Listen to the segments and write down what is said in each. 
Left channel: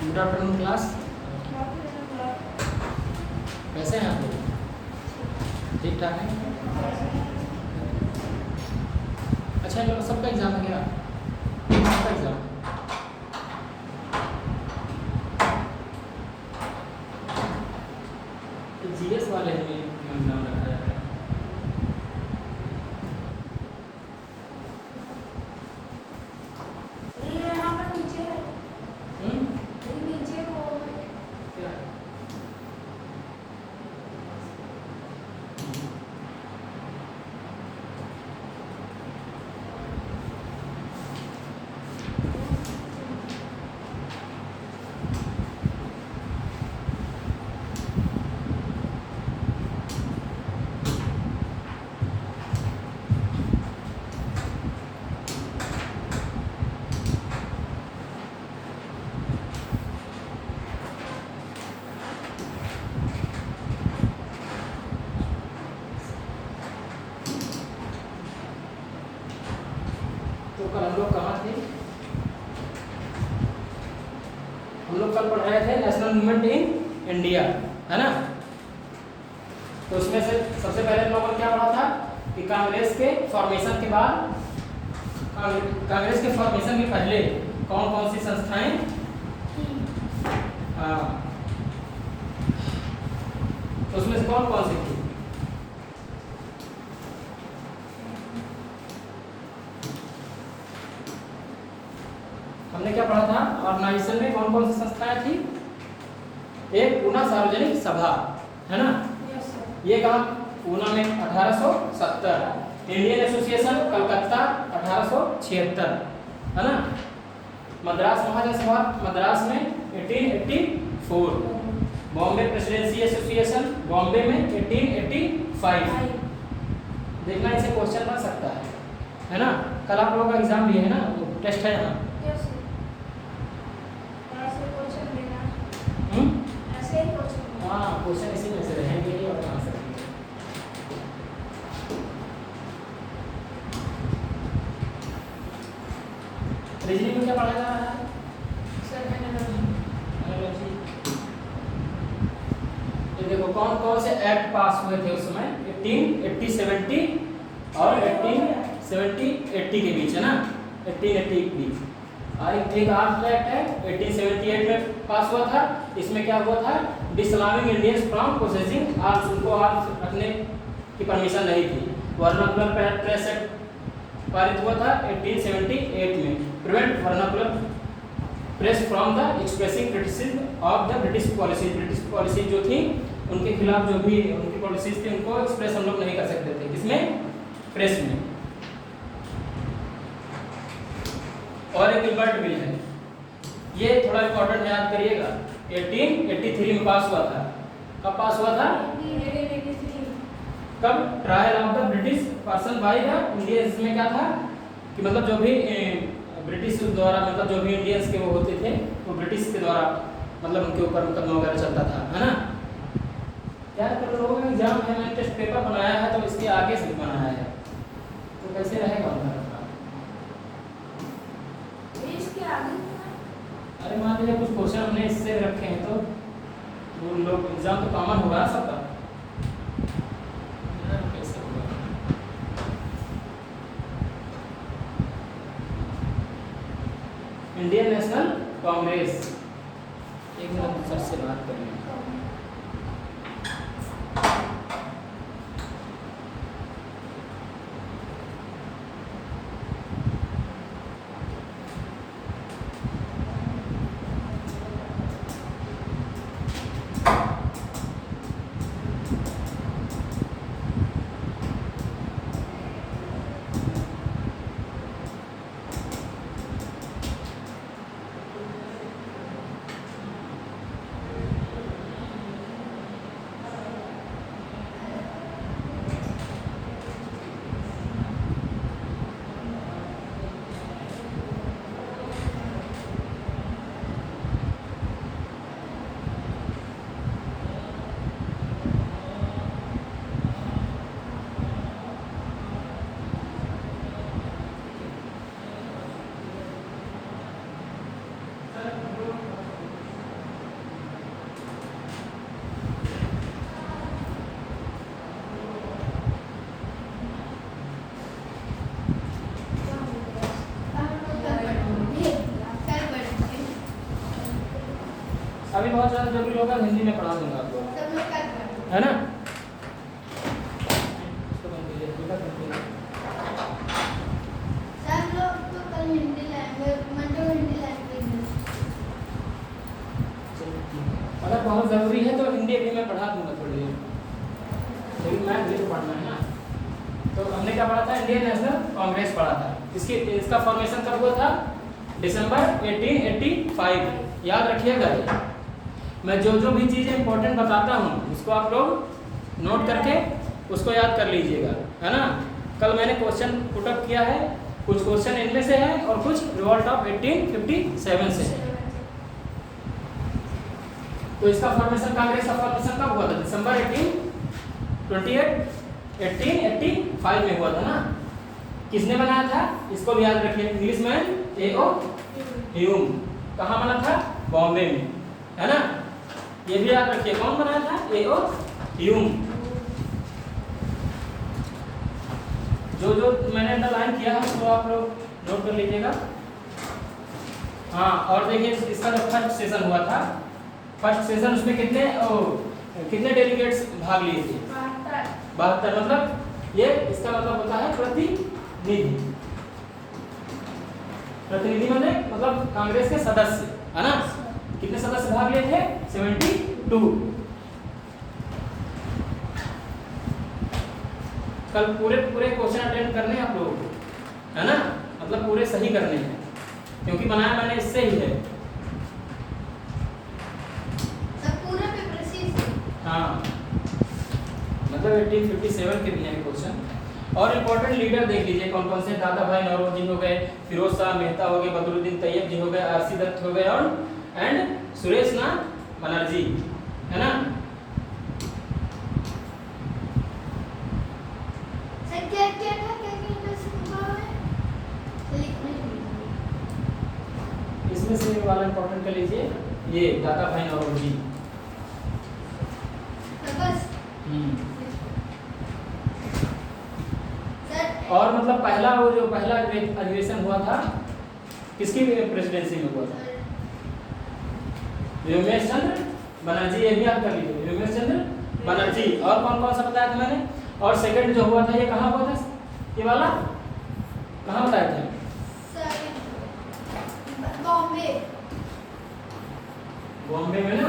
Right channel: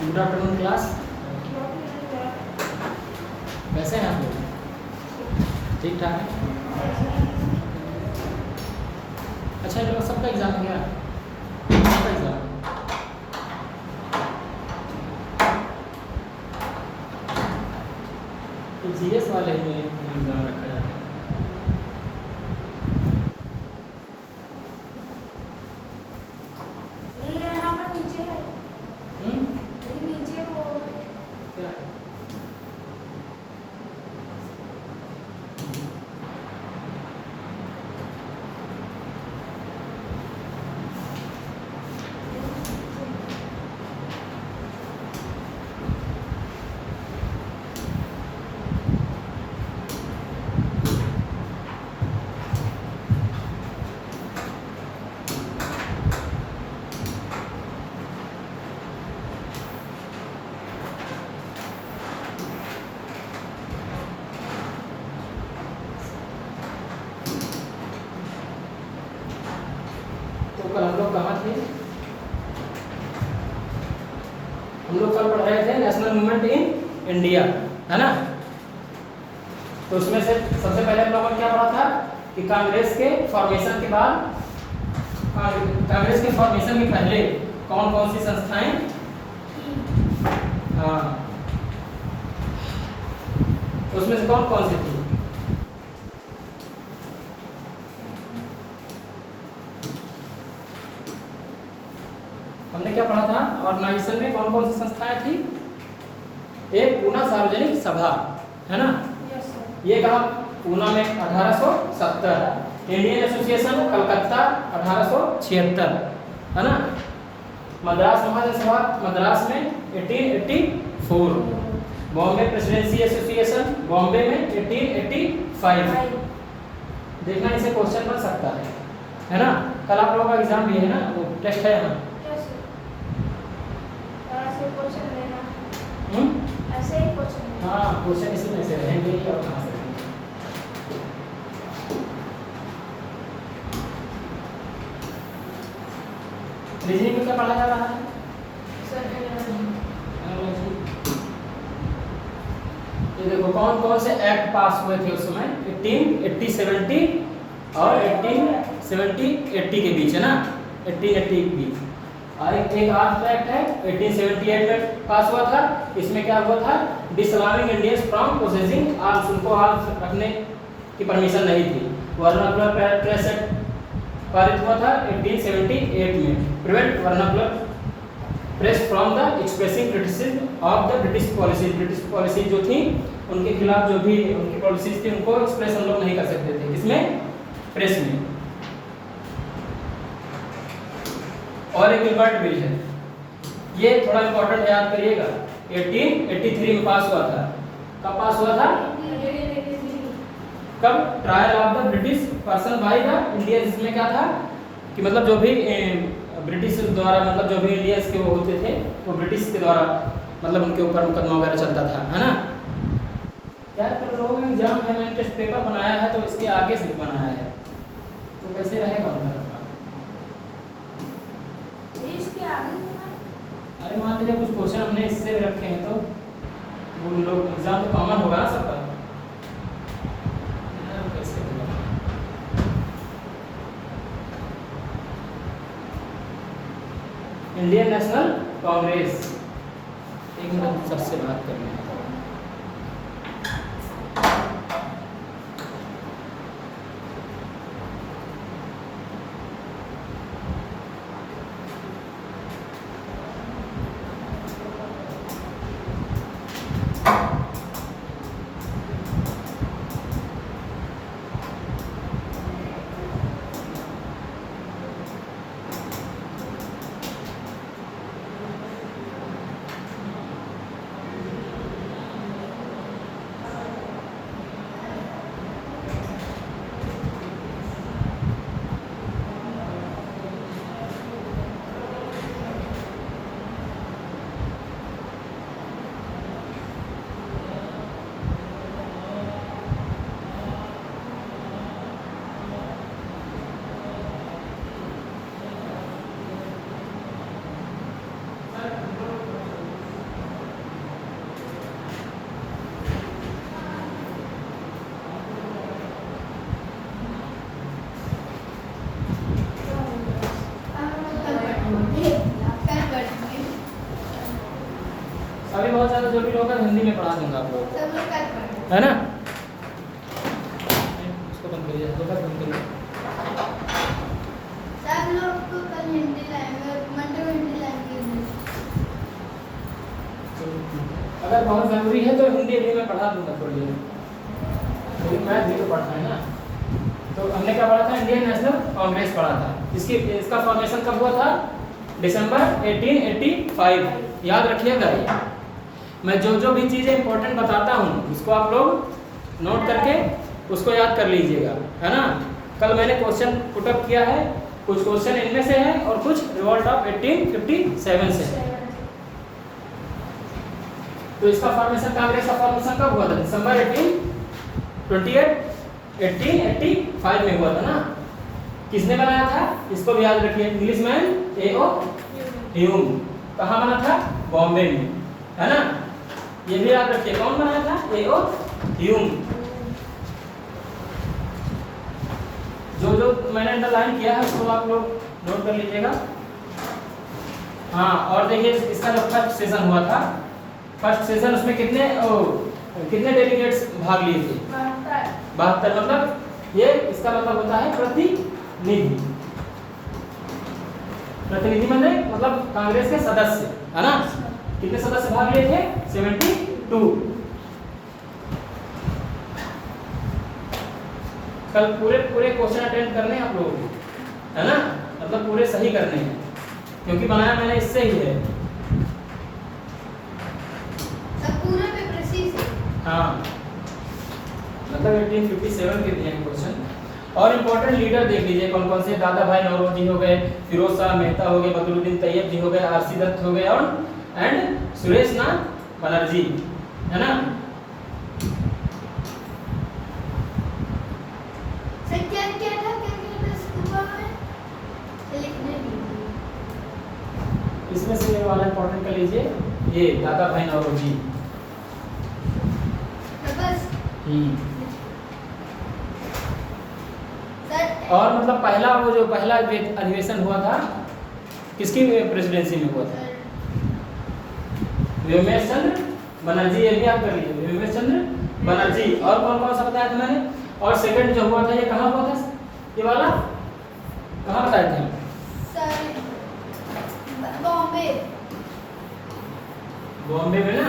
Good afternoon class, कैसे हैं आप लोग? ठीक ठाक है। अच्छा, लोग सबका एग्ज़ाम है क्या? सबका एग्ज़ाम है। तो जीएस वाले में एग्ज़ाम रखा जाता है। क्या? तो कल हम लोग कहाँ थे? हम लोग कल पढ़ रहे थे नेशनल मूवमेंट इन इंडिया, है ना? तो उसमें से सबसे पहले हम लोगों ने क्या पढ़ा था कि कांग्रेस के फॉर्मेशन के बाद, कांग्रेस के फॉर्मेशन के पहले कौन कौन सी संस्थाएं, हाँ, तो उसमें से कौन कौन सी थी? हमने क्या पढ़ा था? ऑर्गेनाइजेशन में कौन कौन सी संस्थाएं थी? एक पूना सार्वजनिक सभा, है ना? ये कहा पूना में 1870, इंडियन एसोसिएशन कलकत्ता 1876, है ना? मद्रास महाजन सभा मद्रास में 1884, बॉम्बे प्रेसिडेंसी एसोसिएशन बॉम्बे में 1885। देखना, इसे क्वेश्चन बन सकता है ना? कल आप लोगों का एग्जाम भी है ना, वो टेस्ट है यहाँ। हाँ, क्वेश्चन इसी में से रहेंगे ही, और कहाँ से रहेंगे? रीजनिंग में क्या पढ़ा जा रहा है? ये देखो कौन कौन से एक्ट पास हुए थे उस समय, 1880 70 और 1870 80 के बीच, है ना? 1880 के बीच। एक आर्म्स एक्ट है 1878 में पास हुआ था। इसमें क्या हुआ था? डिसअलाउइंग इंडियंस फ्रॉम पोसेसिंग आर्म्स, उनको आर्म्स रखने की परमिशन नहीं थी। वर्नाकुलर प्रेस एक्ट पारित हुआ था 1878 में, prevent vernacular press from the expressing criticism of the British policy. British policy जो थी उनके खिलाफ, जो भी उनकी पॉलिसीज थी, उनको एक्सप्रेस हम लोग नहीं कर सकते थे। किसमें? प्रेस में। और एक इल्बर्ट बिल है, ये थोड़ा इंपॉर्टेंट है, याद करिएगा। 1883 में पास हुआ था। कब पास हुआ था? कब? Trial of the British person by the Indians. इसमें क्या था कि मतलब जो भी ब्रिटिश द्वारा, मतलब जो भी इंडियंस के वो होते थे, वो ब्रिटिश के द्वारा मतलब उनके ऊपर मुकदमा वगैरह चलता था, है ना? यार तो लोगों में एग्जाम है, मैंने टेस्ट पेपर बनाया है तो इसके आगे से बनाया है, तो कैसे रहेगा उनका? अरे मान लीजिए कुछ क्वेश्चन हमने इससे रखे हैं तो वो लोग एग्जाम तो कॉमन होगा ना सबका, कैसे होगा? इंडियन नेशनल कांग्रेस, एक मिनट सर से बात कर लें। कभी बहुत ज़्यादा जरूरी होगा हिंदी में पढ़ा दूंगा आप लोग, सब लोग कल पढ़ेंगे। है ना। इसको बंद करिए, बेटा बंद करिए। सब लोग को कल हिंदी लाएंगे, मंडे को हिंदी लाएंगे। चलो ठीक है। अगर बहुत ज़रूरी है तो हिंदी भी मैं पढ़ा दूंगा थोड़ी देर, लेकिन मैथ भी तो पढ़ना है ना। तो हमने क्या पढ़ा था, इंडियन नेशनल कांग्रेस पढ़ा था। इसका फॉर्मेशन कब हुआ था, दिसंबर 1885। याद रखिएगा ये, मैं जो जो भी चीज़ें इंपॉर्टेंट बताता हूँ इसको आप लोग नोट करके उसको याद कर लीजिएगा, है ना। कल मैंने क्वेश्चन पुटअप किया है, कुछ क्वेश्चन इनमें से है और कुछ रिवॉल्ट ऑफ 1857 से है। तो इसका फॉर्मेशन, कांग्रेस का फॉर्मेशन कब हुआ था, दिसंबर 1885 में हुआ था ना। किसने बनाया था, इसको भी याद रखिए, इंग्लिशमैन A.O. ह्यूम। कहाँ बना था, बॉम्बे में, है ना। ये भी याद रखिए, कौन बनाया था, A.O. ह्यूम। जो जो मैंने अंडरलाइन किया है उसको आप लोग नोट कर लीजिएगा। हाँ, और देखिए इसका जो फर्स्ट सेशन हुआ था, फर्स्ट सेशन उसमें कितने डेलीगेट्स भाग लिए थे, 72। मतलब ये इसका मतलब होता है प्रतिनिधि। प्रतिनिधि मतलब कांग्रेस के सदस्य, है ना। कितने सदस्य भाग लिए थे, 72। कल पूरे क्वेश्चन अटेंड करने हैं आप लोगों को, है ना। मतलब पूरे सही करने हैं, क्योंकि बनाया मैंने इससे ही है। सब पूरा पेपर इसी से। हाँ, मतलब 1857 के दिए हैं क्वेश्चन। और इम्पोर्टेंट लीडर देख लीजिए कौन कौन से, दादा भाई नौरोजी हो गए, फिरोज शाह मेहता हो गए, बदरुद्दीन तैयब जी हो गए, आरसी दत्त हो गए और सुरेश नाथ बनर्जी, है ना। सर क्या क्या था, क्या था स्कूल में लिखने दीजिए। इसमें से ये वाला इम्पोर्टेंट कर लीजिए, ये दादा भाई नौरोजी। बस और मतलब पहला अधिवेशन हुआ था किसकी प्रेसिडेंसी में हुआ था, व्योमेश चंद्र बनर्जी। ये भी आप कर लीजिए, व्योमेश चंद्र बनर्जी। और कौन कौन सा बताया था मैंने। और सेकंड जो हुआ था ये कहाँ हुआ था, ये वाला कहाँ बताए थे, बॉम्बे में ना।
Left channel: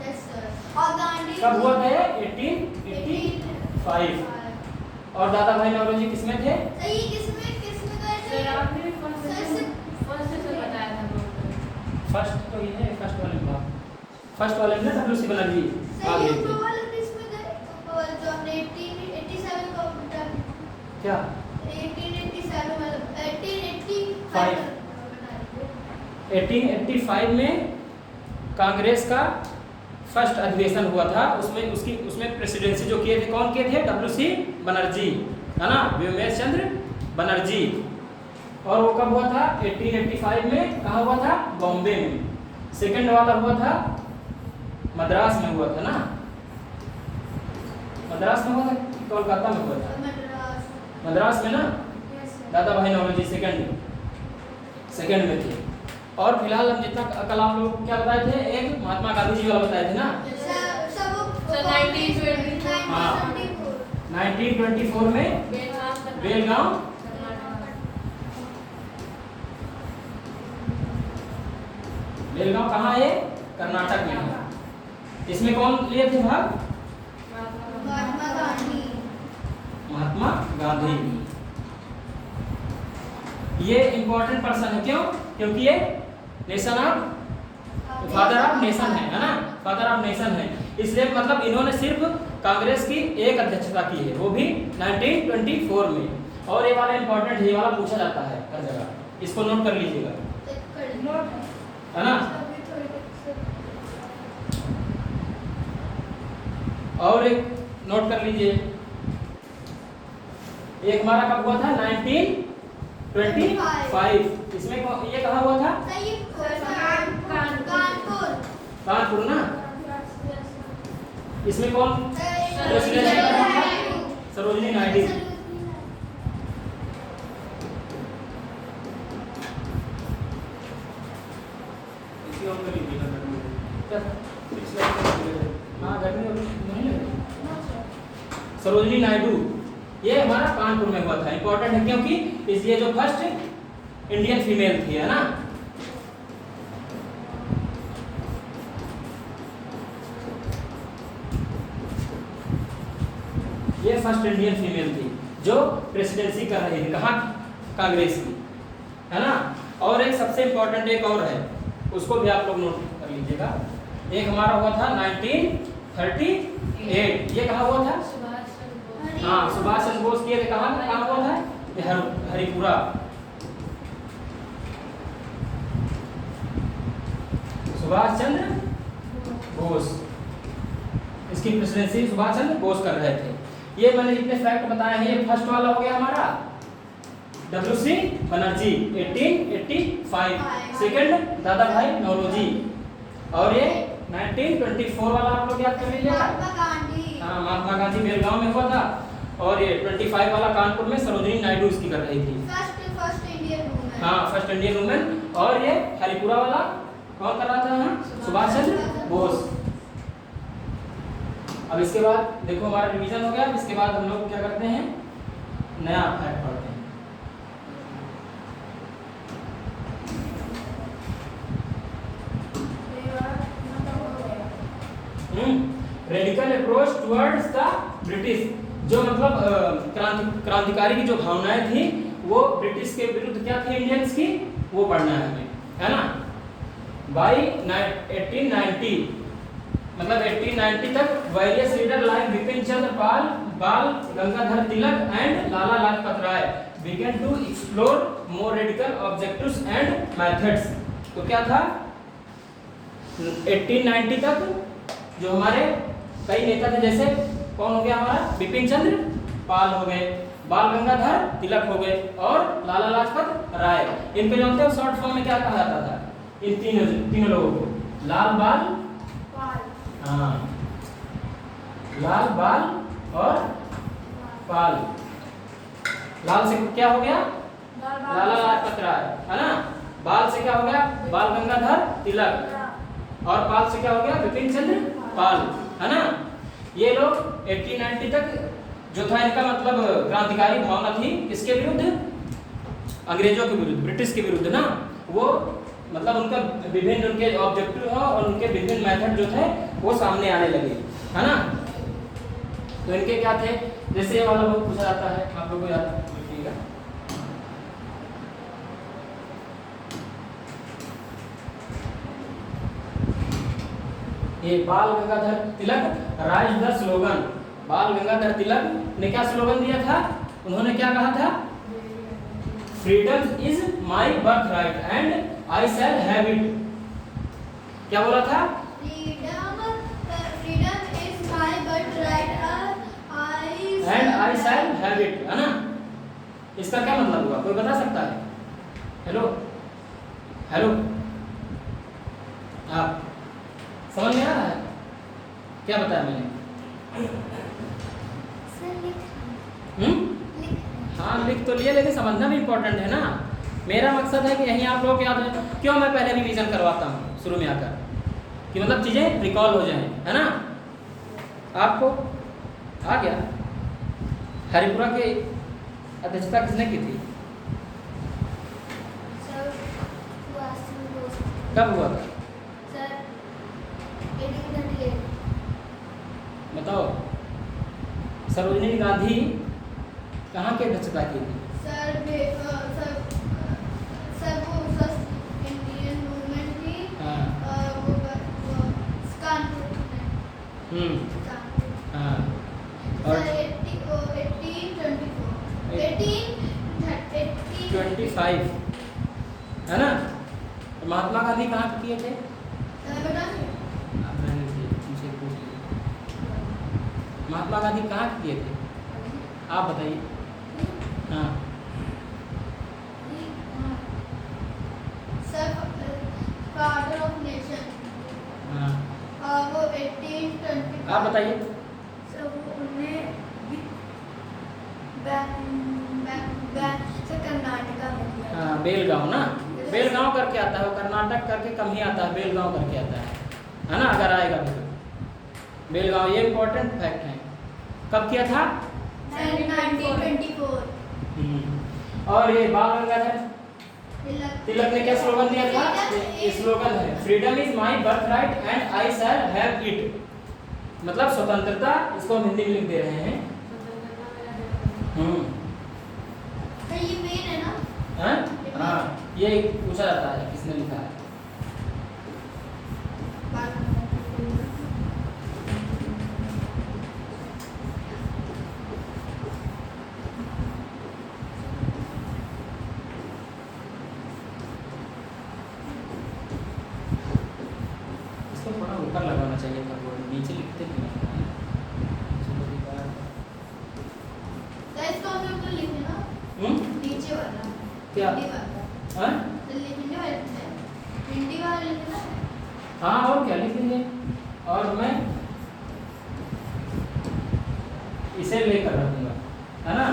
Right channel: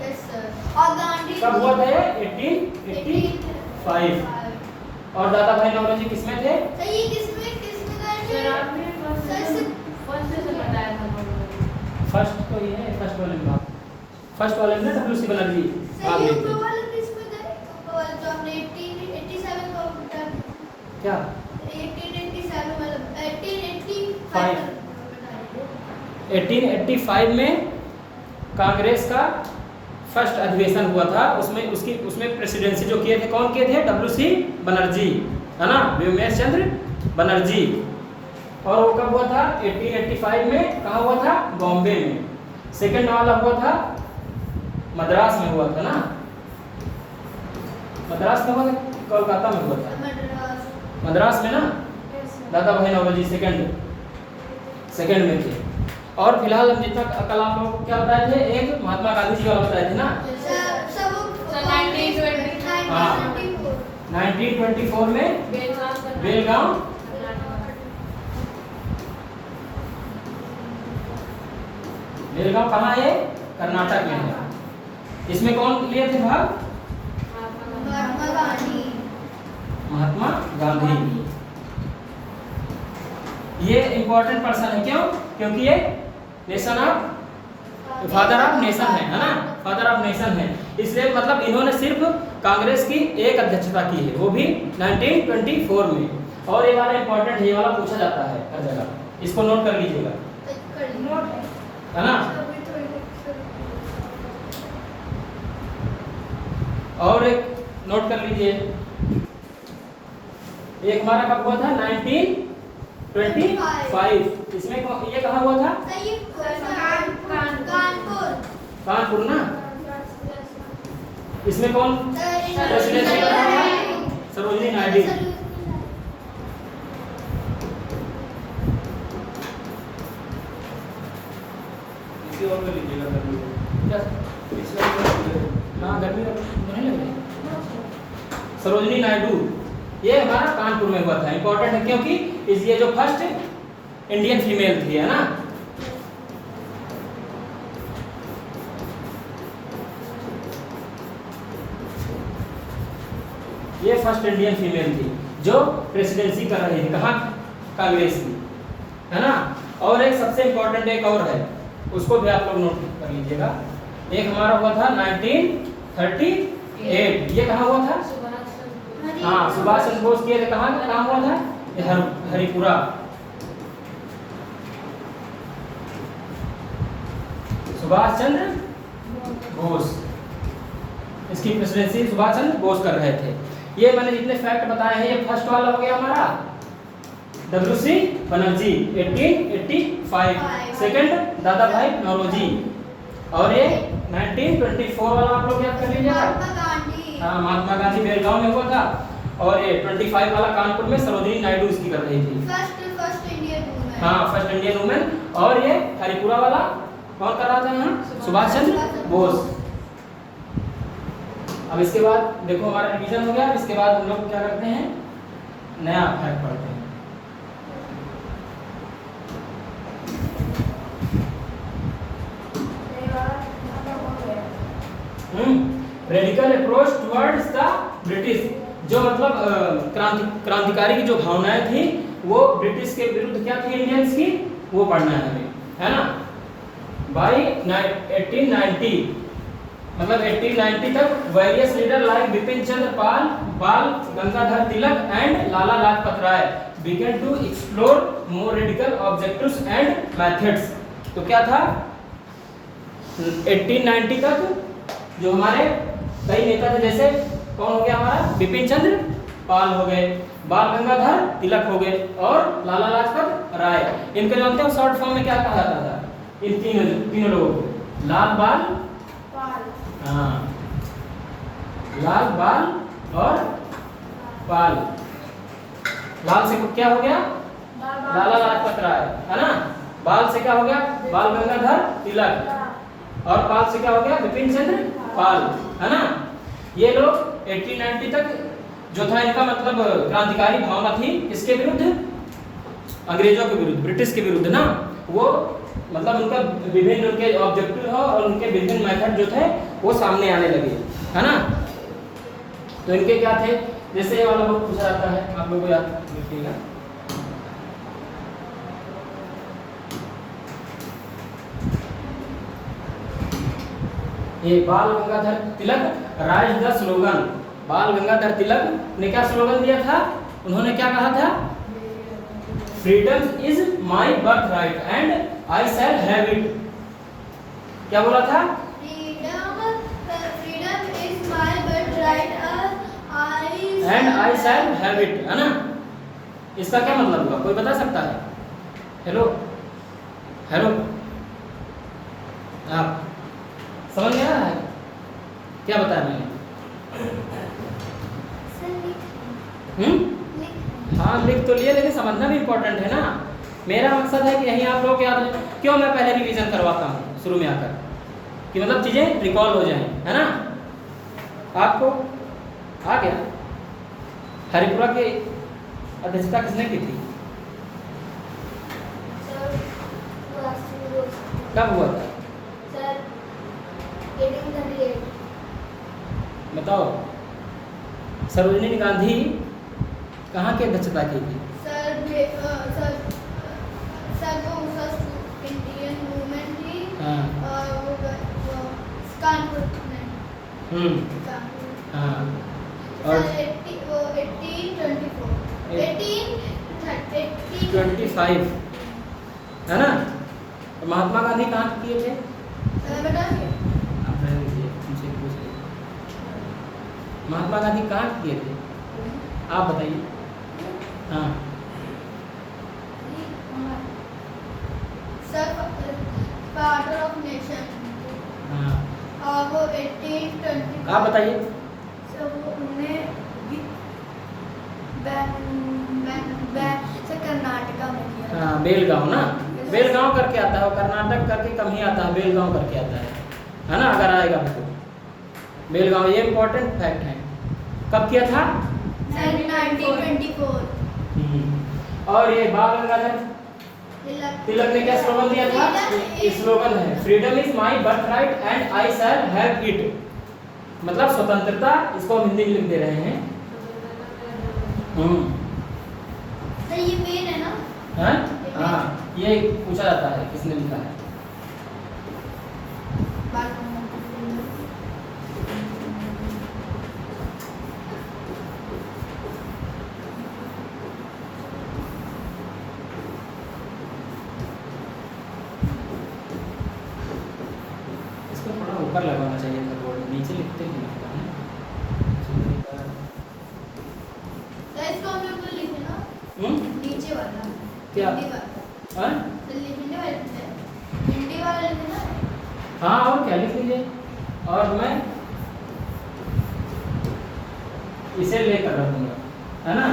Yes sir. और गांधी कब हुआ था ये, 1885। और दादा भाई नौरोजी किसमें थे, सर ये किसमें गए थे, सर आपने फर्स्ट से बताया था। फर्स्ट तो ये है, फर्स्ट वाले में फर्स्ट वाले में WC बनर्जी। सर ये ऊपर वाले किसमें गए, ऊपर वाले जो हमने 1887 का उल्टा क्या, 1887 मतलब 1885 में कांग्रेस का फर्स्ट अधिवेशन हुआ था। उसमें प्रेसिडेंसी जो किए थे, कौन किए थे, WC बनर्जी, है ना, व्योमेश चंद्र बनर्जी। और वो कब हुआ था, 1885 में। कहाँ हुआ था, बॉम्बे में। सेकंड वाला हुआ था मद्रास में हुआ था ना, मद्रास में हुआ था, कोलकाता में हुआ था, मद्रास में ना। दादा भाई नौरोजी सेकंड में थे। और फिलहाल हम जितना कल आप लोगों को क्या बताए थे, एक महात्मा गांधी जी वाला बताए थे ना। 1924 में बेलगांव, बेलगांव कहाँ है, कर्नाटक में है। इसमें कौन लिए थे भाग, महात्मा गांधी। ये इंपॉर्टेंट पर्सन है, क्यों, क्योंकि ये nation of father of nation है ना, फादर ऑफ नेशन है। इसलिए मतलब इन्होंने सिर्फ कांग्रेस की एक अध्यक्षता की है, वो भी 1924 में। और ये वाला इंपॉर्टेंट है, ये वाला पूछा जाता है हर जगह, इसको नोट कर लीजिएगा, है ना। और एक नोट कर लीजिए, एक हमारा कब हुआ था, 1925। इसमें ये कहाँ हुआ था, कानपुर ना। इसमें कौन प्रेसिडेंट था, सरोजिनी नायडू। इसी और कर लीजिएगा। हाँ गर्मी नहीं लग रही। सरोजिनी नायडू, ये हमारा कानपुर में हुआ था। इंपॉर्टेंट है क्योंकि ये जो फर्स्ट इंडियन फीमेल थी, है ना। ये फर्स्ट इंडियन फीमेल थी जो प्रेसिडेंसी कर रही थी, कहाँ, कांग्रेस की, है ना। और एक सबसे इंपॉर्टेंट एक और है, उसको भी आप लोग नोट कर लीजिएगा। एक हमारा हुआ था 1938, ये कहाँ हुआ था? हाँ सुभाष चंद्र बोस की, कहाँ हुआ था? ये हरिपुरा। सुभाष चंद्र बोस, इसकी प्रेसिडेंसी सुभाष चंद्र बोस कर रहे थे। ये मैंने जितने फैक्ट बताए हैं, ये फर्स्ट वाला हो गया हमारा WC बनर्जी 1885, सेकंड दादा भाई नौरोजी, और ये 1924 वाला आप लोग याद कर लीजिएगा। हाँ महात्मा गांधी बेलगांव में हुआ था। और ये 25 वाला कानपुर में सरोजिनी नायडू इसकी कर रही थी, फर्स्ट इंडियन वुमेन। हाँ फर्स्ट इंडियन वुमेन। और ये हरिपुरा वाला कौन कर रहा था यहाँ? सुभाष चंद्र बोस। अब इसके बाद देखो हमारा रिवीजन हो गया। अब इसके बाद हम लोग क्या करते हैं, नया फैक्ट पढ़ते हैं। Radical approach towards the British, जो मतलब क्रांतिकारी की जो भावनाएं थी वो ब्रिटिश के विरुद्ध क्या थी, इंडियंस की, वो पढ़ना है हमें, है ना। बाय 1890, मतलब 1890 तक various leader like Bipin Chandra Pal, Bal Gangadhar Tilak and Lala Lajpat Rai began to explore more radical objectives and methods। तो क्या था 1890 तक जो हमारे कई नेता थे, जैसे कौन हो गया हमारा, बिपिन चंद्र पाल हो गए, बाल गंगाधर तिलक हो गए, और लाला लाजपत राय। इनके जो होते हैं शॉर्ट फॉर्म में क्या कहा जाता था, इन तीनों लोगों को? लाल बाल, हाँ लाल बाल और पाल। लाल से क्या हो गया, लाला लाजपत राय, है ना। बाल से क्या हो गया, बाल गंगाधर तिलक, और पाल से क्या हो गया, बिपिन चंद्र पाल, है ना। ये लोग 1890 तक जो था इनका मतलब क्रांतिकारी भावना थी, इसके विरुद्ध, अंग्रेजों के विरुद्ध, ब्रिटिश के विरुद्ध ना। वो मतलब उनका विभिन्न उनके ऑब्जेक्टिव और उनके विभिन्न मेथड जो थे वो सामने आने लगे, है ना। तो इनके क्या थे, जैसे ये वाला बहुत पूछा जाता है, आप लोगों को याद रखिएगा। ये बाल गंगाधर तिलक राइज द स्लोगन। बाल गंगाधर तिलक ने क्या स्लोगन दिया था, उन्होंने क्या कहा था, freedom is my birth right and I shall have it. क्या बोला था, freedom is my birth right and I shall have it, है ना। इसका क्या मतलब हुआ, कोई बता सकता है? हेलो हेलो, आप समझ में आ रहा है क्या बताया मैंने? हाँ लिख तो लिए, लेकिन समझना भी इम्पोर्टेंट है ना। मेरा मकसद है कि यहीं आप लोग याद रखें। क्यों मैं पहले रिवीजन करवाता हूँ शुरू में आकर, कि मतलब चीज़ें रिकॉल हो जाएं, है ना। आपको आ गया। हरिपुरा की अध्यक्षता किसने की थी, कब हुआ था, बताओ। सरोजिनी गांधी कहाँ की अध्यक्षता की थी? इंडियन वुमेन थी। हाँ कानपुर में। हाँ और 1825 है ना। और महात्मा गांधी कहाँ किए थे? आप रहने दीजिए, तुमसे पूछ लीजिए। महात्मा गांधी कहाँ किए थे, आप बताइए। हाँ फादर ऑफ नेशन। हाँ वो 1820। आप बताइए। कर्नाटका में किया। हाँ बेलगांव ना, बेलगांव करके आता है वो, कर्नाटक करके कम ही आता है, बेलगांव करके आता है। है ना, अगर आएगा भी तो। बेलगांव, ये इम्पोर्टेंट फैक्ट है। कब किया था? 1924। और ये बाल गंगाधर तिलक ने क्या स्लोगन दिया था? ये स्लोगन है, freedom is my birth right and I shall have it. मतलब स्वतंत्रता, इसको हम हिंदी में लिख दे रहे हैं। तो ये पेन है ना? हाँ, ये पूछा जाता है किसने लिखा है। इसको थोड़ा ऊपर लगाना चाहिए था, बोर्ड नीचे लिखते हैं। तो इसको हम लोग को लिखना नीचे वाला क्या? हिंदी वाला हाँ लिखने वाले हिंदी वाला लिखना। हाँ, और क्या लिख लीजिए। और मैं इसे लेकर रखूंगा, है ना।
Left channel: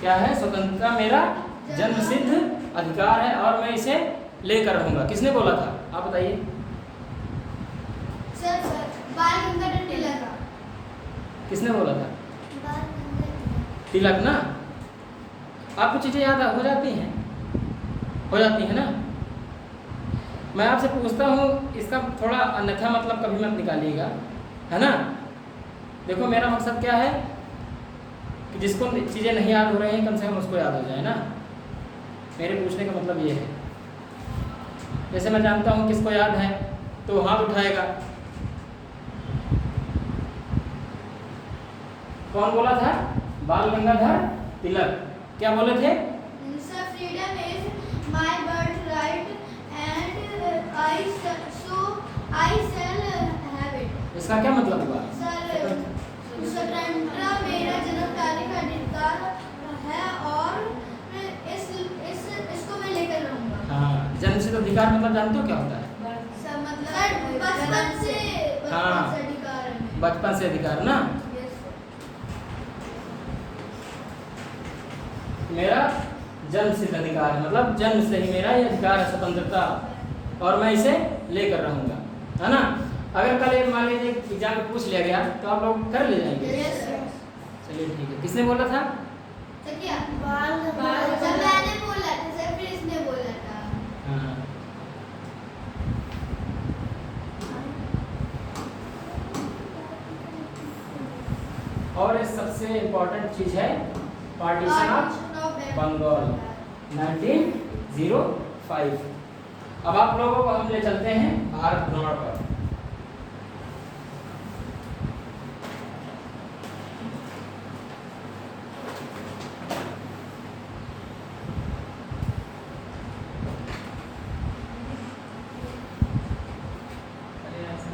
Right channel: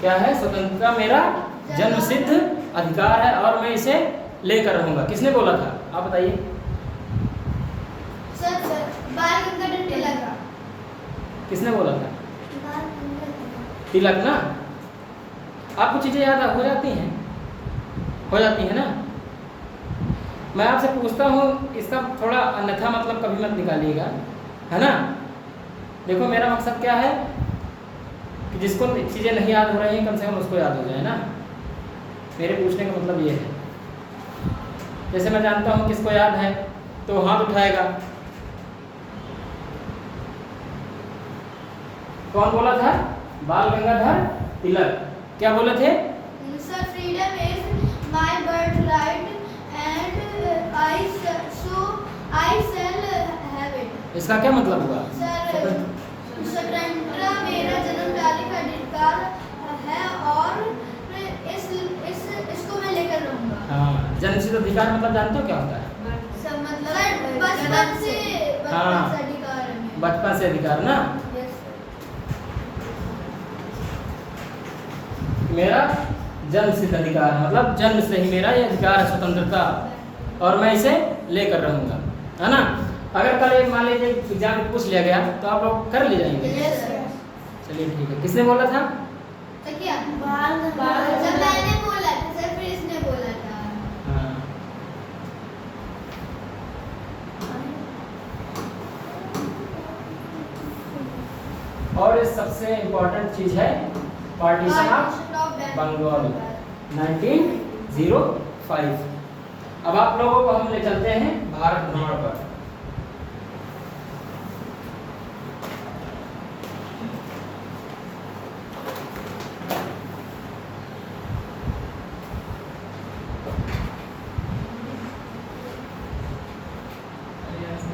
क्या है? स्वतंत्रता मेरा जन्मसिद्ध अधिकार है और मैं इसे लेकर रहूंगा। किसने बोला था, आप बताइए। सर बाल गंगाधर तिलक। किसने बोला था? बाल गंगाधर तिलक ना। आपको चीजें याद हो जाती हैं? हो जाती है ना। मैं आपसे पूछता हूँ, इसका थोड़ा अन्यथा मतलब कभी मत निकालिएगा, है ना। देखो मेरा मकसद क्या है कि जिसको चीज़ें नहीं याद हो रही हैं कम से कम उसको याद हो जाए ना। मेरे पूछने का मतलब ये है। जैसे मैं जानता हूँ किसको याद है तो हाथ उठाएगा। कौन बोला था? बाल गंगाधर तिलक। क्या बोले थे? Sir freedom is my birth right and I shall have it. इसका क्या मतलब हुआ? सर स्वतंत्रता मेरा जन्मदारी का अधिकार है और इसको मैं लेकर रहूंगा। हाँ, जन्मसिद्ध अधिकार मतलब जानते हो क्या होता है? सर मतलब बचपन से हाँ। अधिकार है। बचपन से अधिकार ना। Yes sir. मेरा जन्म सिद्ध अधिकार है, मतलब जन्म से ही मेरा ये अधिकार है स्वतंत्रता, और मैं इसे लेकर रहूंगा, है ना। अगर कल एक मान लीजिए एग्जाम में पूछ लिया गया तो आप लोग कर ले जाएंगे। Yes sir. चलिए ठीक है। किसने बोला था? तो क्या बाल गंगाधर मैंने बोला था सर, फिर इसने बोला था। हाँ। और इस सबसे इम्पोर्टेंट चीज है पार्टीशन ऑफ बंगाल 1905। अब आप लोगों को हम ले चलते हैं भारत भ्रमण पर।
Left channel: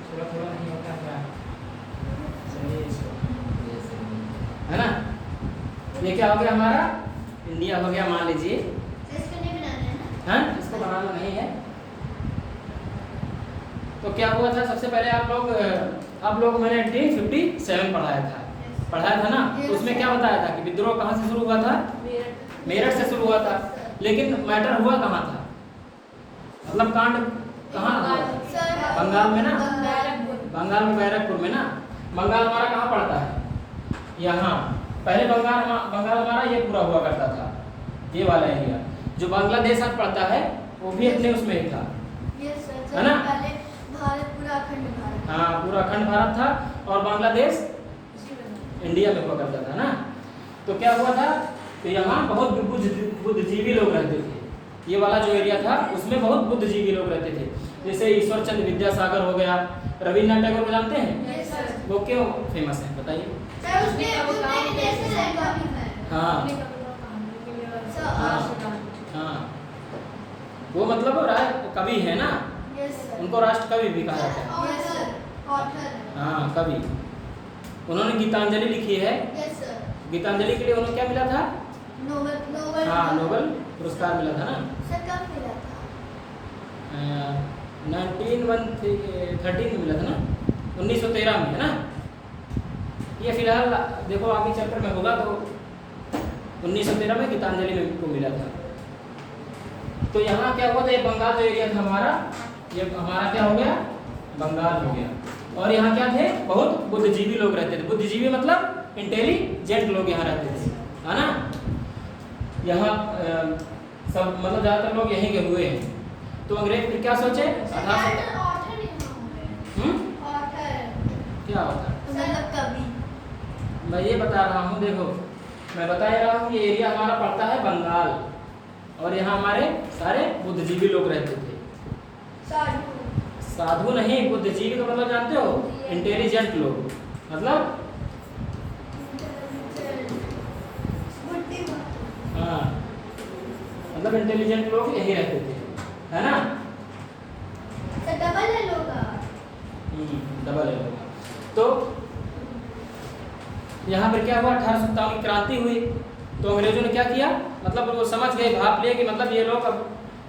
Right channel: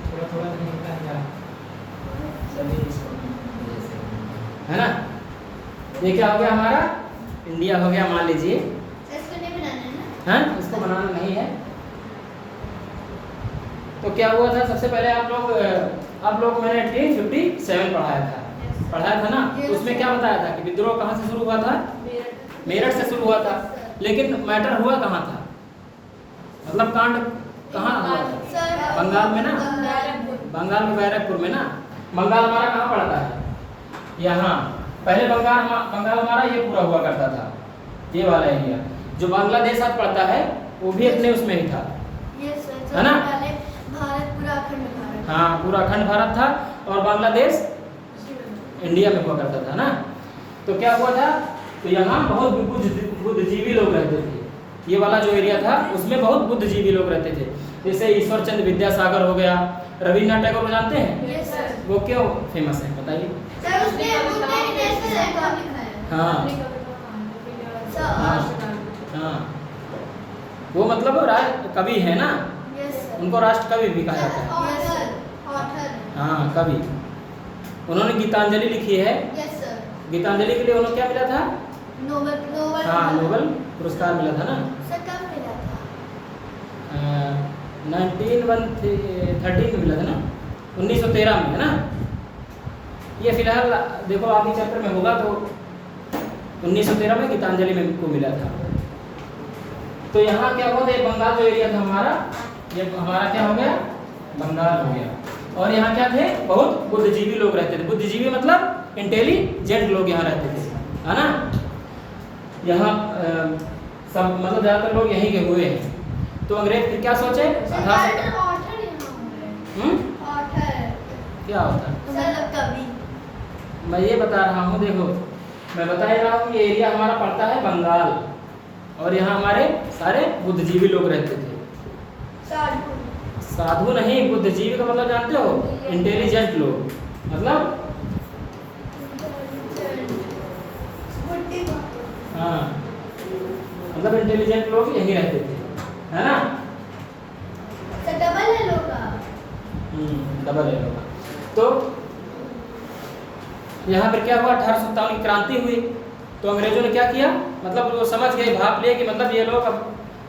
थोड़ा थोड़ा नहीं होता क्या? चलिए इसको है ना। ये क्या हो गया हमारा? इंडिया हो गया, मान लीजिए। इसको नहीं बनाना है ना? हाँ, इसको बनाना नहीं है। तो क्या हुआ था सबसे पहले आप लोग मैंने 1857 पढ़ाया था ना। उसमें क्या बताया था कि विद्रोह कहाँ से शुरू हुआ था? मेरठ से शुरू हुआ था। लेकिन मैटर हुआ कहाँ था? मतलब कांड कहाँ हुआ था? बंगाल में ना। बंगाल में बैरकपुर में ना। बंगाल हमारा कहाँ पड़ता है? यहाँ। पहले बंगाल हमारा ये पूरा हुआ करता था, ये वाला एरिया। जो बांग्लादेश आज पड़ता है वो भी अपने उसमें ही था, यस सर। है ना? पहले भारत पूरा अखंड भारत। हाँ, पूरा अखंड भारत था और बांग्लादेश इंडिया में हुआ करता था ना। तो क्या हुआ था? तो यहाँ बहुत बुद्धिजीवी लोग रहते थे। ये वाला जो एरिया था उसमें बहुत बुद्धिजीवी लोग रहते थे। जैसे ईश्वर चंद्र विद्यासागर हो गया, रविन्द्रनाथ टैगोर को जानते हैं? Yes sir. वो क्यों फेमस है बताइए? सर उसने उसने नेशनल एंथम लिखा है। हाँ सर हाँ, वो मतलब कवि है ना। Yes sir. उनको राष्ट्र कवि भी कहा जाता है। ऑथर। हाँ, कवि। उन्होंने गीतांजलि लिखी है। Yes sir. गीतांजलि गीतांजलि के लिए उन्हें क्या मिला था? नोबेल। हाँ, नोबेल पुरस्कार मिला था ना। सर कब मिला था? 1913 में मिला था ना, 1913 में, है ना। ये फिलहाल देखो आगे चैप्टर में होगा, तो 1913 में गीतांजलि में को मिला था। तो यहाँ क्या हुआ था, ये बंगाल जो एरिया था हमारा, ये हमारा क्या हो गया, बंगाल हो गया। और यहाँ क्या थे, बहुत बुद्धिजीवी लोग रहते थे। बुद्धिजीवी मतलब इंटेलिजेंट लोग यहाँ रहते थे, है ना। यहाँ सब मतलब ज़्यादातर लोग यहीं के हुए हैं। तो अंग्रेज फिर क्या सोचे, क्या होता है, मतलब कवि। मैं ये बता रहा हूँ, देखो मैं बता ही रहा हूँ कि एरिया हमारा पड़ता है बंगाल, और यहाँ हमारे सारे बुद्धिजीवी लोग रहते थे। साधु नहीं, बुद्धिजीवी का मतलब जानते हो, इंटेलिजेंट लोग, मतलब हाँ, मतलब इंटेलिजेंट लोग यहीं रहते थे, है ना। डबल है लोग, डबल है लोग। तो यहाँ पर क्या हुआ, 1857 की क्रांति हुई। तो अंग्रेजों ने क्या किया, मतलब वो समझ गए, भाप लिए कि मतलब ये लोग अब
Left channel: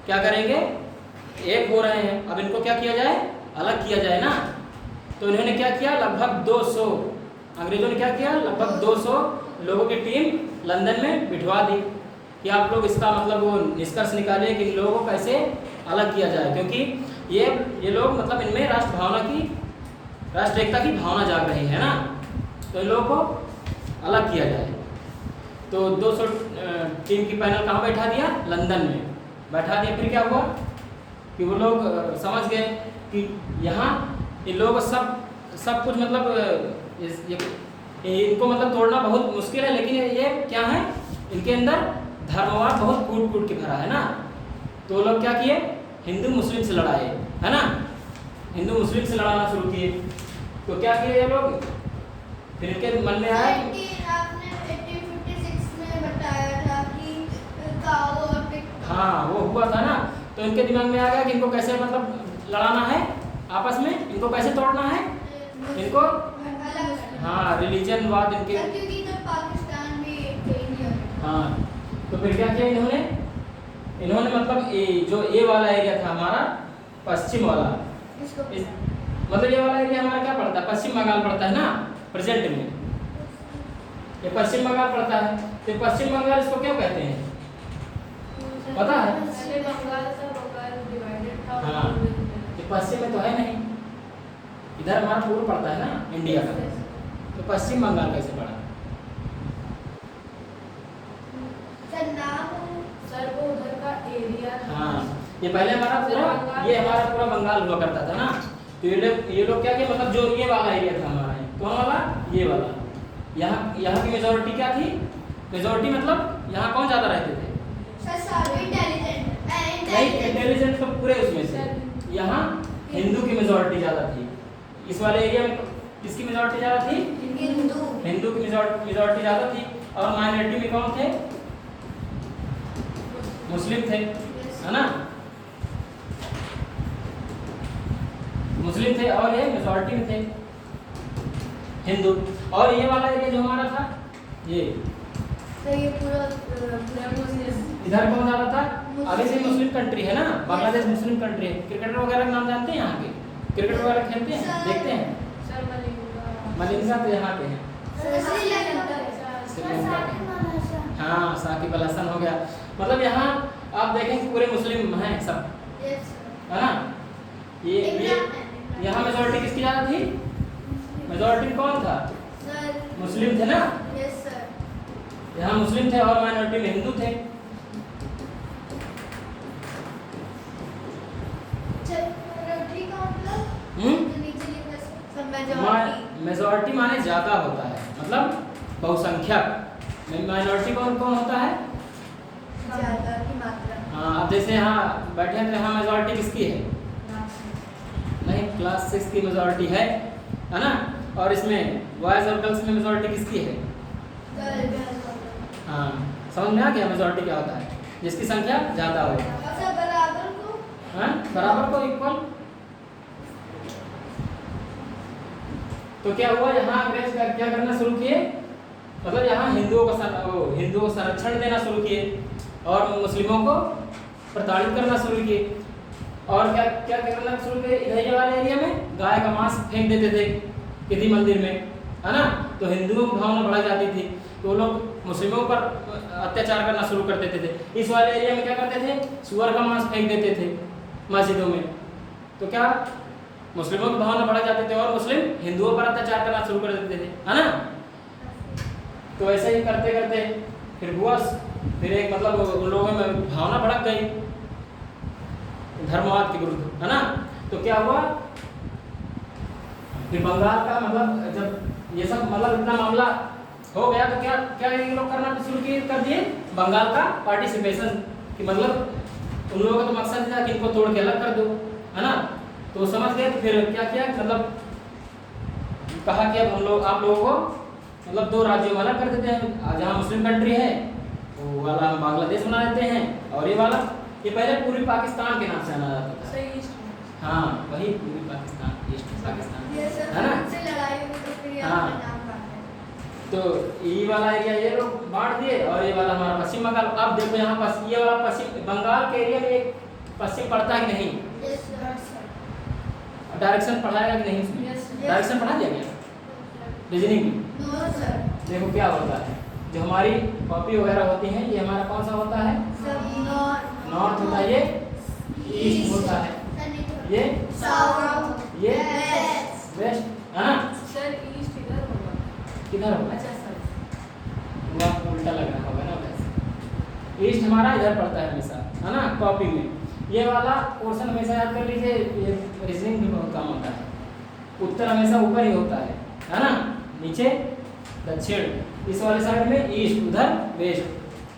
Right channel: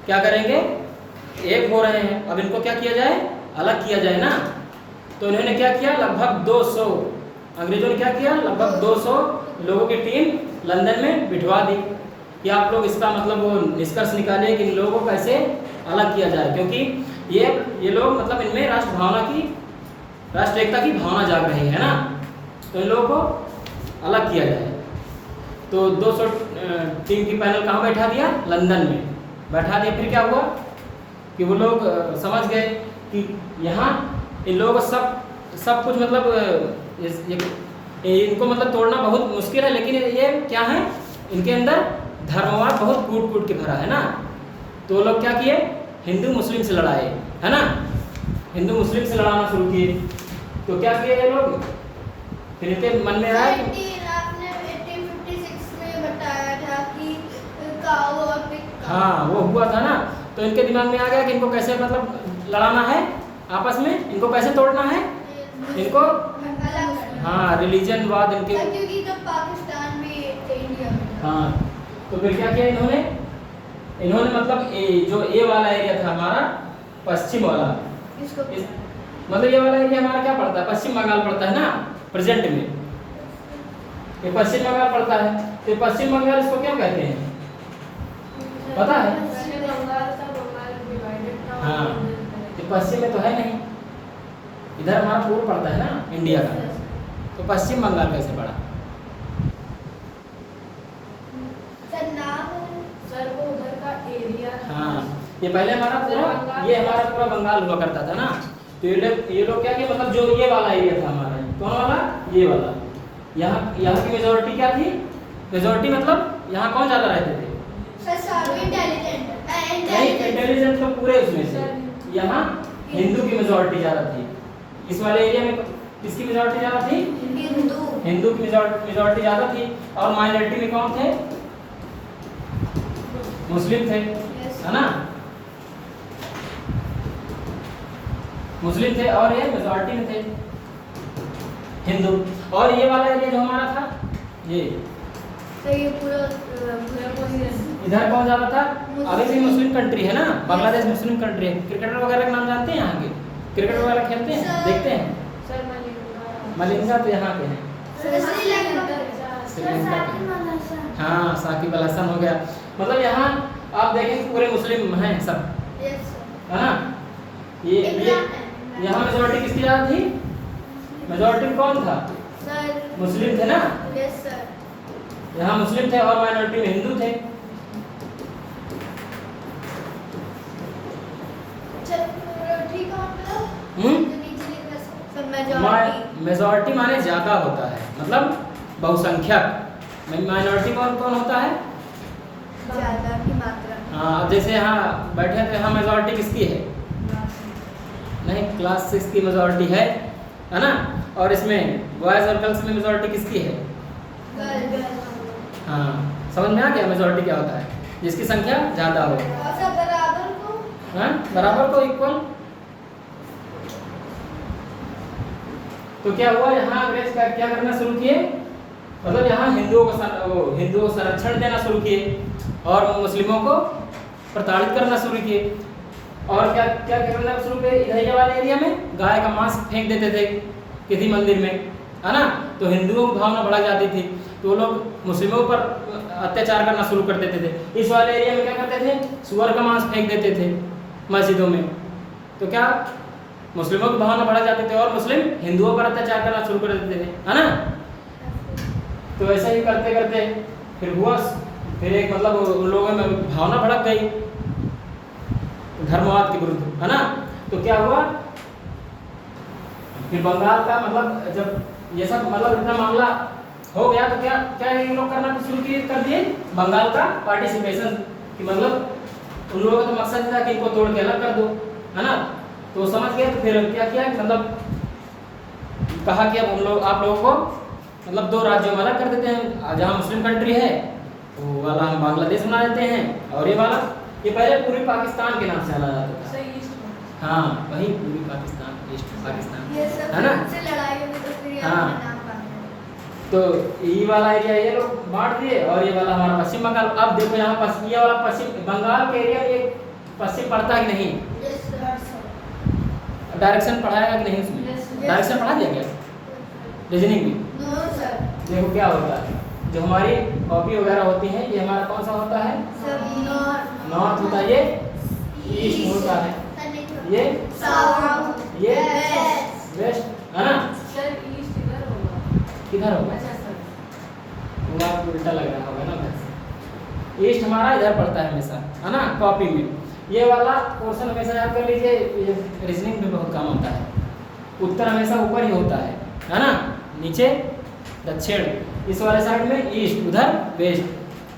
क्या करेंगे, एक हो रहे हैं, अब इनको क्या किया जाए, अलग किया जाए ना। तो इन्होंने क्या किया, लगभग 200 अंग्रेजों ने क्या किया, लगभग 200 लोगों की टीम लंदन में बिठवा दी कि आप लोग इसका मतलब वो निष्कर्ष निकालें कि इन लोगों को कैसे अलग किया जाए, क्योंकि ये लोग मतलब इनमें राष्ट्र भावना की, राष्ट्र एकता की भावना जाग रही है ना। तो इन लोगों को अलग किया जाए। तो 200 टीम की पैनल कहाँ बैठा दिया, लंदन में बैठा दिया। फिर क्या हुआ कि वो लोग समझ गए कि यहाँ इन लोगों को सब कुछ मतलब इनको मतलब तोड़ना बहुत मुश्किल है, लेकिन ये क्या है, इनके अंदर धर्मवाद बहुत कूट कूट के भरा है ना। तो वो लोग क्या किए, हिंदू मुस्लिम से लड़ाए, है ना, हिंदू मुस्लिम से लड़ाना शुरू किए। तो क्या किए ये लोग, फिर इनके मन में आया, आपने 1856 में बताया था कि काऊ और पिग, हाँ वो हुआ था ना। तो इनके दिमाग में आ गया कि इनको कैसे मतलब लड़ाना है आपस में, इनको कैसे तोड़ना है, इनको अलग करना। हाँ रिलीजन वाद इनके, क्योंकि तब पाकिस्तान में थे, इंडिया में। हाँ। तो फिर क्या किया इन्होंने मतलब जो ए वाला एरिया था हमारा, पश्चिम वाला, इसको मतलब ये वाला एरिया हमारा क्या पड़ता है, पश्चिम बंगाल पड़ता है ना प्रेजेंट में, ये पश्चिम बंगाल पड़ता है। तो पश्चिम बंगाल इसको क्यों कहते हैं, पता है? हाँ, ये पश्चिम में तो है नहीं, इधर हमारा पूर्व पड़ता है ना इंडिया का, तो पश्चिम बंगाल कैसे पड़ा? सर वो उधर का एरिया था। हाँ, ये पहले हमारा पूरा बंगाल हुआ करता था ना। तो ये लोग क्या किया, मतलब जो ये वाला एरिया था हमारा, कौन वाला, ये वाला, यहाँ की मेजोरिटी क्या थी, मेजोरिटी मतलब यहाँ कौन ज़्यादा रहते थे, नहीं इंटेलिजेंट तो पूरे उसमें से, यहाँ हिंदू की मेजोरिटी ज़्यादा थी। इस वाले एरिया में किसकी मेजोरिटी ज़्यादा थी, हिंदू की मेजोरिटी ज़्यादा थी। और माइनॉरिटी में कौन थे, मुस्लिम थे, है ना, मुस्लिम थे, और ये मेजॉरिटी में थे हिंदू। और ये वाला एरिया जो हमारा था, ये तो ये पूरा इधर कौन ज्यादा था, अभी भी मुस्लिम कंट्री है ना, बांग्लादेश मुस्लिम कंट्री है। क्रिकेटर वगैरह का नाम जानते हैं, यहाँ के क्रिकेट वगैरह खेलते हैं, देखते हैं, सर मलिंगा तो यहाँ के हैं, श्रीलंका हाँ साकिब अल हसन हो गया। मतलब यहाँ आप देखें कि पूरे मुस्लिम हैं सब, है ना। ये यहाँ मेजोरिटी किसकी ज़्यादा थी, मेजोरिटी कौन था, मुस्लिम थे ना, यहाँ मुस्लिम थे और माइनॉरिटी में हिंदू थे। मेजॉरिटी माने ज्यादा होता है, मतलब बहुसंख्यक। माइनॉरिटी कौन कौन होता है, ज्यादा की मात्रा। हाँ, अब जैसे यहाँ बैठे हैं तो यहाँ मेजॉरिटी किसकी है, नहीं क्लास 6 की मेजॉरिटी है ना। और इसमें बॉयज और गर्ल्स में मेजॉरिटी किसकी है, हाँ समझ में आ गया मेजॉरिटी क्या होता है, जिसकी संख्या ज़्यादा हो, बराबर को, हाँ बराबर को, इक्वल। तो क्या हुआ, यहाँ अंग्रेज क्या करना शुरू किए, मतलब यहाँ हिंदुओं को संरक्षण देना शुरू किए और मुस्लिमों को प्रताड़ित करना शुरू किए। और क्या क्या करना शुरू किए, इधर वाले एरिया में गाय का मांस फेंक देते थे किसी मंदिर में, है ना, तो हिंदुओं की भावना बढ़ जाती थी, तो लोग मुस्लिमों पर अत्याचार करना शुरू कर देते थे। इस वाले एरिया में क्या करते थे, सुअर का मांस फेंक देते थे मस्जिदों में, तो क्या मुस्लिमों की भावना बढ़ जाती थी और मुस्लिम हिंदुओं पर अत्याचार करना शुरू कर देते थे, है ना। तो ऐसे ही करते करते फिर हुआ, फिर एक मतलब उन लोगों में भावना भड़क गई धर्मवाद के विरुद्ध, है ना। तो क्या हुआ, फिर बंगाल का मतलब जब ये सब मतलब इतना मामला हो गया, तो क्या क्या ये लोग करना शुरू कर दिए बंगाल का पार्टिसिपेशन, कि मतलब उन लोगों का तो मकसद था कि इनको तोड़ के अलग कर दो, है ना। तो वो समझ गए, तो फिर क्या किया, मतलब कहा कि अब हम लोग आप लोगों को मतलब दो राज्यों में अलग कर देते हैं, जहाँ मुस्लिम कंट्री है वो वाला हम बांग्लादेश बना देते हैं, और ये वाला, ये पहले पूर्वी पाकिस्तान के नाम से जाना जाता था। सही ईस्ट हाँ, वही पूर्वी पाकिस्तान, ईस्ट पाकिस्तान, ये सब है ना। से लड़ाई हुई तो फिर ये हाँ। अपना नाम बांध तो ये वाला एरिया ये लोग बांट दिए, और ये वाला हमारा पश्चिम बंगाल। अब देखो यहाँ ये वाला पश्चिम बंगाल के एरिया में एक पश्चिम पड़ता है कि नहीं, डायरेक्शन पढ़ाएगा कि नहीं इसमें, डायरेक्शन पढ़ा दिया गया, रीजनिंग भी। नो सर, देखो क्या होता है, जो हमारी कॉपी वगैरह होती है, ये हमारा कौन सा होता है, सब नॉर्थ होता है, ये ईस्ट होता है, ये साउथ, ये वेस्ट, वेस्ट, है ना। सर ईस्ट इधर होगा। किधर होगा, अच्छा सर, वो आपको उल्टा लग रहा होगा ना वैसे। ईस्ट हमारा इधर पड़ता है हमेशा, है ना, कॉपी में। ये वाला पोर्शन हमेशा याद कर लीजिए, ये रीजनिंग में बहुत काम होता है। उत्तर हमेशा ऊपर ही होता है ना, नीचे दक्षिण, इस वाले साइड में ईस्ट, उधर वेस्ट।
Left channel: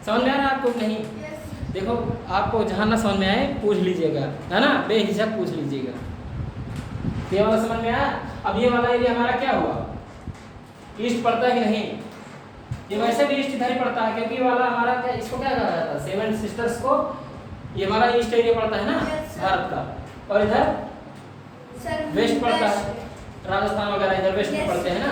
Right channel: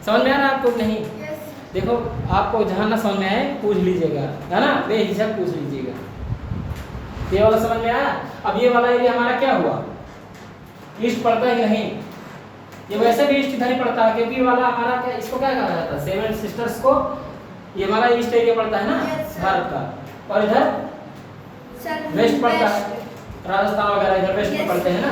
समझ में आ रहा है आपको नहीं? देखो आपको जहाँ ना समझ में आए पूछ लीजिएगा, है ना, बेहिचक पूछ लीजिएगा। ये वाला समझ में आया? अब ये वाला एरिया हमारा क्या हुआ, ईस्ट पड़ता है कि नहीं? ये वैसे भी ईस्ट इधर ही पड़ता है, क्योंकि ये वाला हमारा क्या, इसको क्या कहा जाता है, सेवन सिस्टर्स को, ये हमारा ईस्ट एरिया पड़ता है ना भारत का, और इधर वेस्ट पड़ता है, राजस्थान वगैरह इधर वेस्ट में पड़ते हैं ना।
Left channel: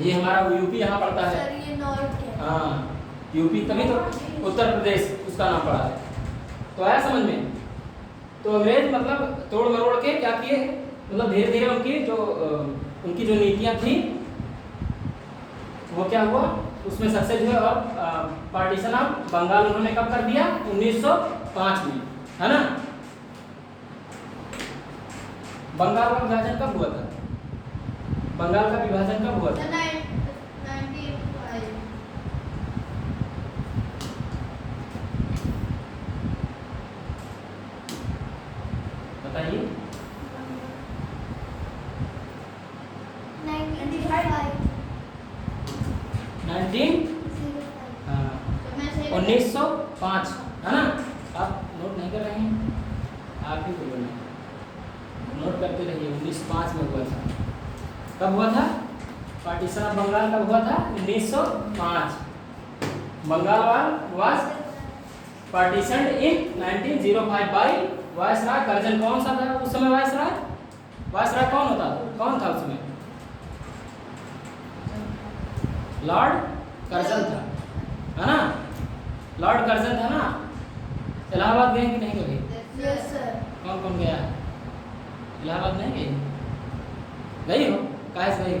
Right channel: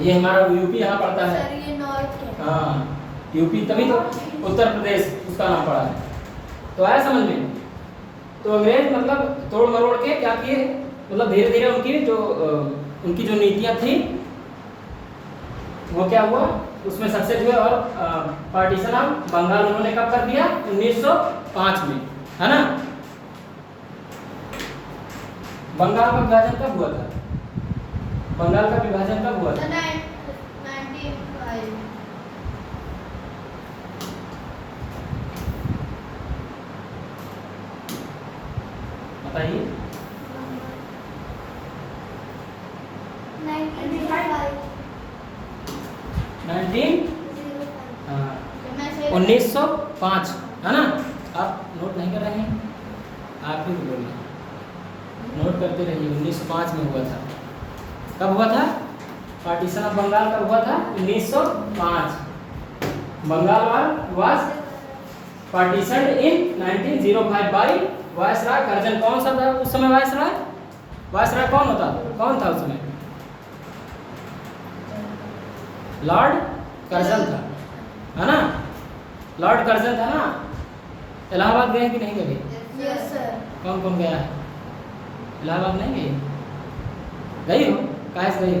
ये हमारा यूपी यहाँ पड़ता है, सर ये नॉर्थ है। हाँ यूपी, तभी तो उत्तर प्रदेश उसका नाम पड़ा है। तो आया समझ में? तो अंग्रेज मतलब तोड़ मरोड़ के क्या किए, मतलब धीरे धीरे उनकी जो नीतियाँ थी वो क्या हुआ, उसमें सक्सेस हुए, और पार्टीशन ऑफ बंगाल उन्होंने कब कर दिया, 1905 में, है ना। बंगाल का विभाजन कब हुआ था, बंगाल का विभाजन कब हुआ था? 1905। बताइए। 1905, है ना। आप नोट नहीं कर रहे हैं, आप ही बोलिए, नोट करते रहिए। 1905 में हुआ था। कब हुआ था पार्टीशन ऑफ बंगाल, कब हुआ था? 1905। Bengal was partitioned in 1905 by viceroy Curzon. कौन सा था उस समय वायसराय? वायसराय कौन था उस समय? लॉर्ड कर्जन था, है ना। लॉर्ड कर्जन था ना। इलाहाबाद गए कि नहीं कभी? Yes sir. कौन कौन गया है? इलाहाबाद नहीं गई? गई हो? काहे से गई हो?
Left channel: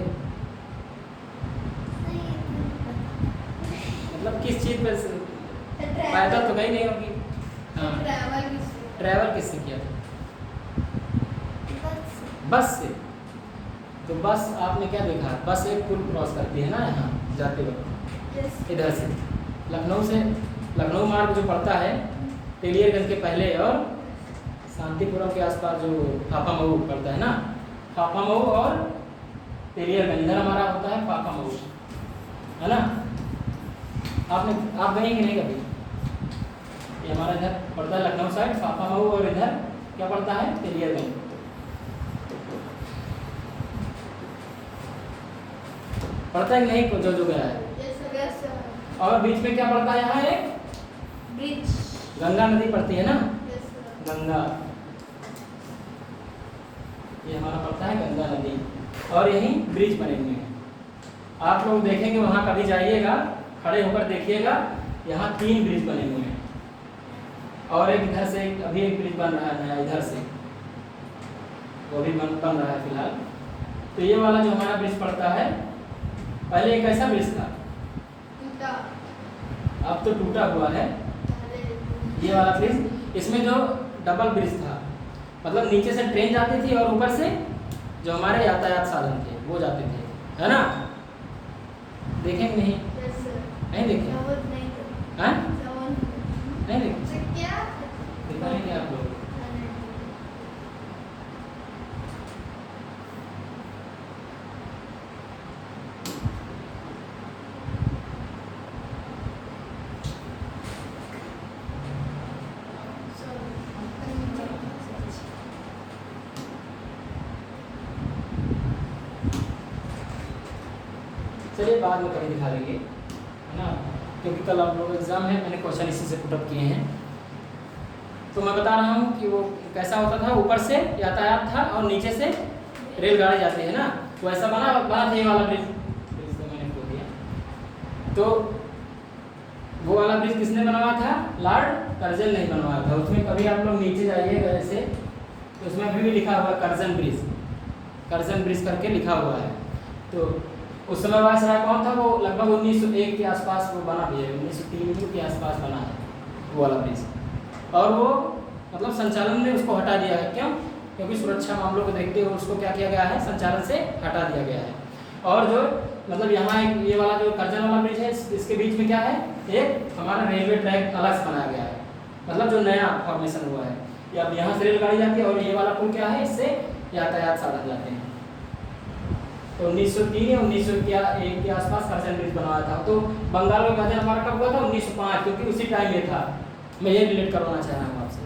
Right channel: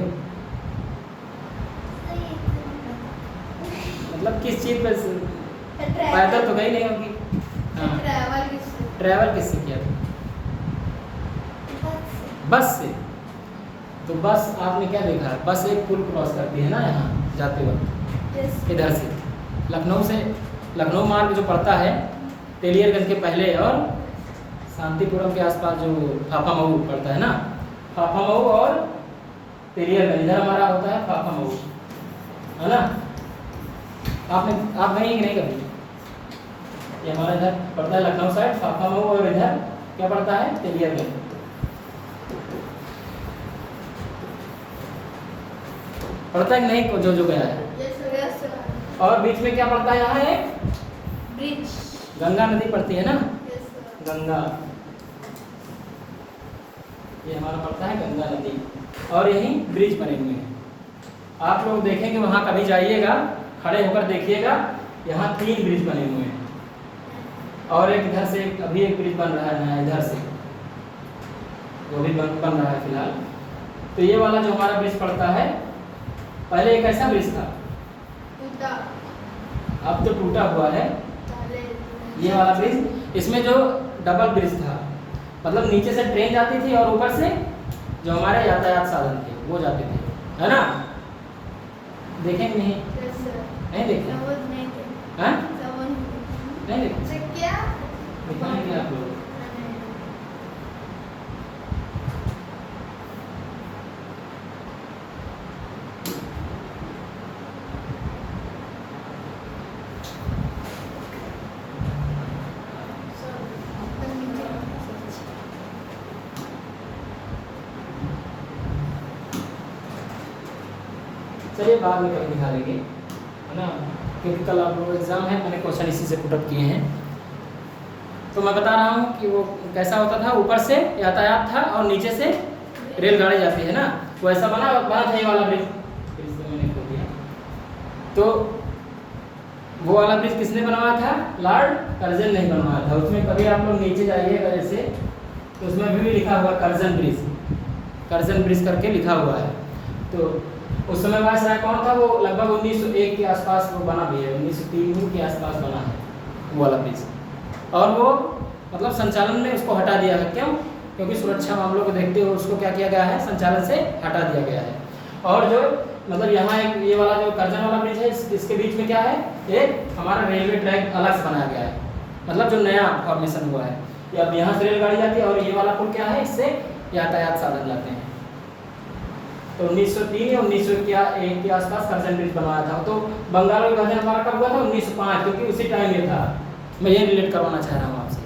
मतलब किस चीज़ पर? पैदल तो गई नहीं होगी। हाँ, ट्रैवल किससे किया था? बस से। तो बस आपने क्या देखा, बस एक पुल क्रॉस करती है ना यहाँ जाते वक्त, इधर से लखनऊ मार्ग जो पड़ता है तेलियरगंज के पहले, और शांतिपुरम के आसपास जो फाफामऊ पड़ता है ना, फाफामऊ और तेलियरगंज, इधर हमारा होता है फाफामऊ, है ना। आप गए कि नहीं कभी? ये हमारा इधर पड़ता है लखनऊ साइड फाफामऊ, और इधर क्या पड़ता है, तेलियरगंज। पड़ता है कि नहीं जो गया है? और बीच में क्या पड़ता है, यहाँ एक ब्रिज, गंगा नदी पड़ती है ना, गंगा, ये हमारा पड़ता है गंगा नदी, और यहीं ब्रिज बने हुए हैं। आप लोग देखेंगे वहाँ कभी जाइएगा, खड़े होकर देखिएगा, यहाँ 3 ब्रिज बने हुए हैं, और एक इधर से अभी एक ब्रिज बन रहा है नया, इधर से वो भी बन रहा है फिलहाल। तो ये वाला जो हमारा ब्रिज पड़ता है, पहले एक ऐसा ब्रिज था, टूटा अब तो टूटा हुआ है पहले ये वाला ब्रिज। इसमें जो डबल ब्रिज था, मतलब नीचे से ट्रेन जाती थी और ऊपर से जो हमारे यातायात साधन थे वो जाते थे, है ना? देखें नहीं? नहीं देखें? समझ नहीं थे। हैं? समझ नहीं देखें? से क्या दिखाएंगे आप लोग। चलिए बाद में कभी दिखा देंगे, है ना? क्योंकि कल आप लोग एग्ज़ाम है, मैंने क्वेश्चन इसी से पुटअप किए हैं। तो मैं बता रहा हूँ कि वो कैसा होता था, ऊपर से यातायात था और नीचे से रेलगाड़ी जाती है ना, तो ऐसा बना था ये वाला ब्रिज। तो मैंने खोल दिया। तो वो वाला ब्रिज किसने बनवाया था? लॉर्ड कर्जन ने बनवाया था। उसमें कभी आप लोग नीचे जाइएगा ऐसे, तो उसमें अभी भी लिखा हुआ है कर्जन ब्रिज, कर्जन ब्रिज करके लिखा हुआ है। तो उस समय वायसराय कौन था? वो लगभग 1901 के आसपास वो बना भी है, 1903 के आसपास बना है वो वाला ब्रिज। और वो मतलब संचालन में उसको हटा दिया है। क्यों? क्योंकि सुरक्षा मामलों को देखते हुए उसको क्या किया गया है? संचालन से हटा दिया गया है। और जो मतलब यहाँ एक ये वाला जो कर्जन वाला ब्रिज है, इसके बीच में क्या है? एक हमारा रेलवे ट्रैक अलग से बनाया गया है, मतलब जो नया फॉर्मेशन हुआ है। ये अब यहाँ से रेलगाड़ी जाती है और ये वाला पुल क्या है? इससे यातायात साधन लाते हैं। तो 1903 या 1901 के आसपास कर्जन ब्रिज बनवाया था। तो बंगाल का विभाजन हमारा कब हुआ था? 1905, क्योंकि उसी टाइम ये था। मैं ये रिलेट करवाना चाह रहा हूँ आपसे।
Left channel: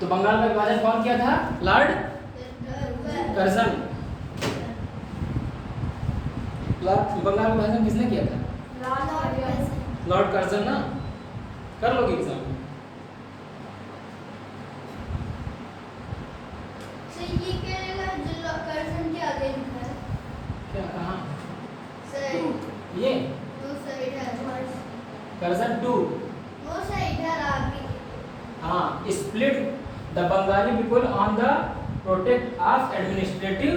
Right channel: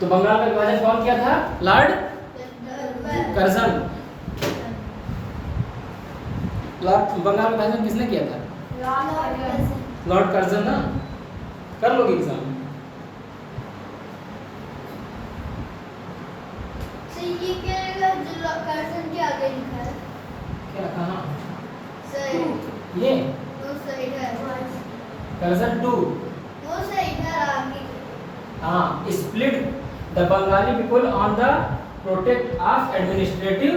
तो बंगाल का विभाजन कौन किया था? Lord Curzon. बंगाल का विभाजन किसने किया था? लॉर्ड कर्जन ना। कर लोगे एग्जाम? ये क्या जो कर्जन के आगे लिखा है? क्या कहाँ? सही ये वो सही है। कर्जन 2। वो सही है आगे। हाँ, split the Bengali people on the protect of administrative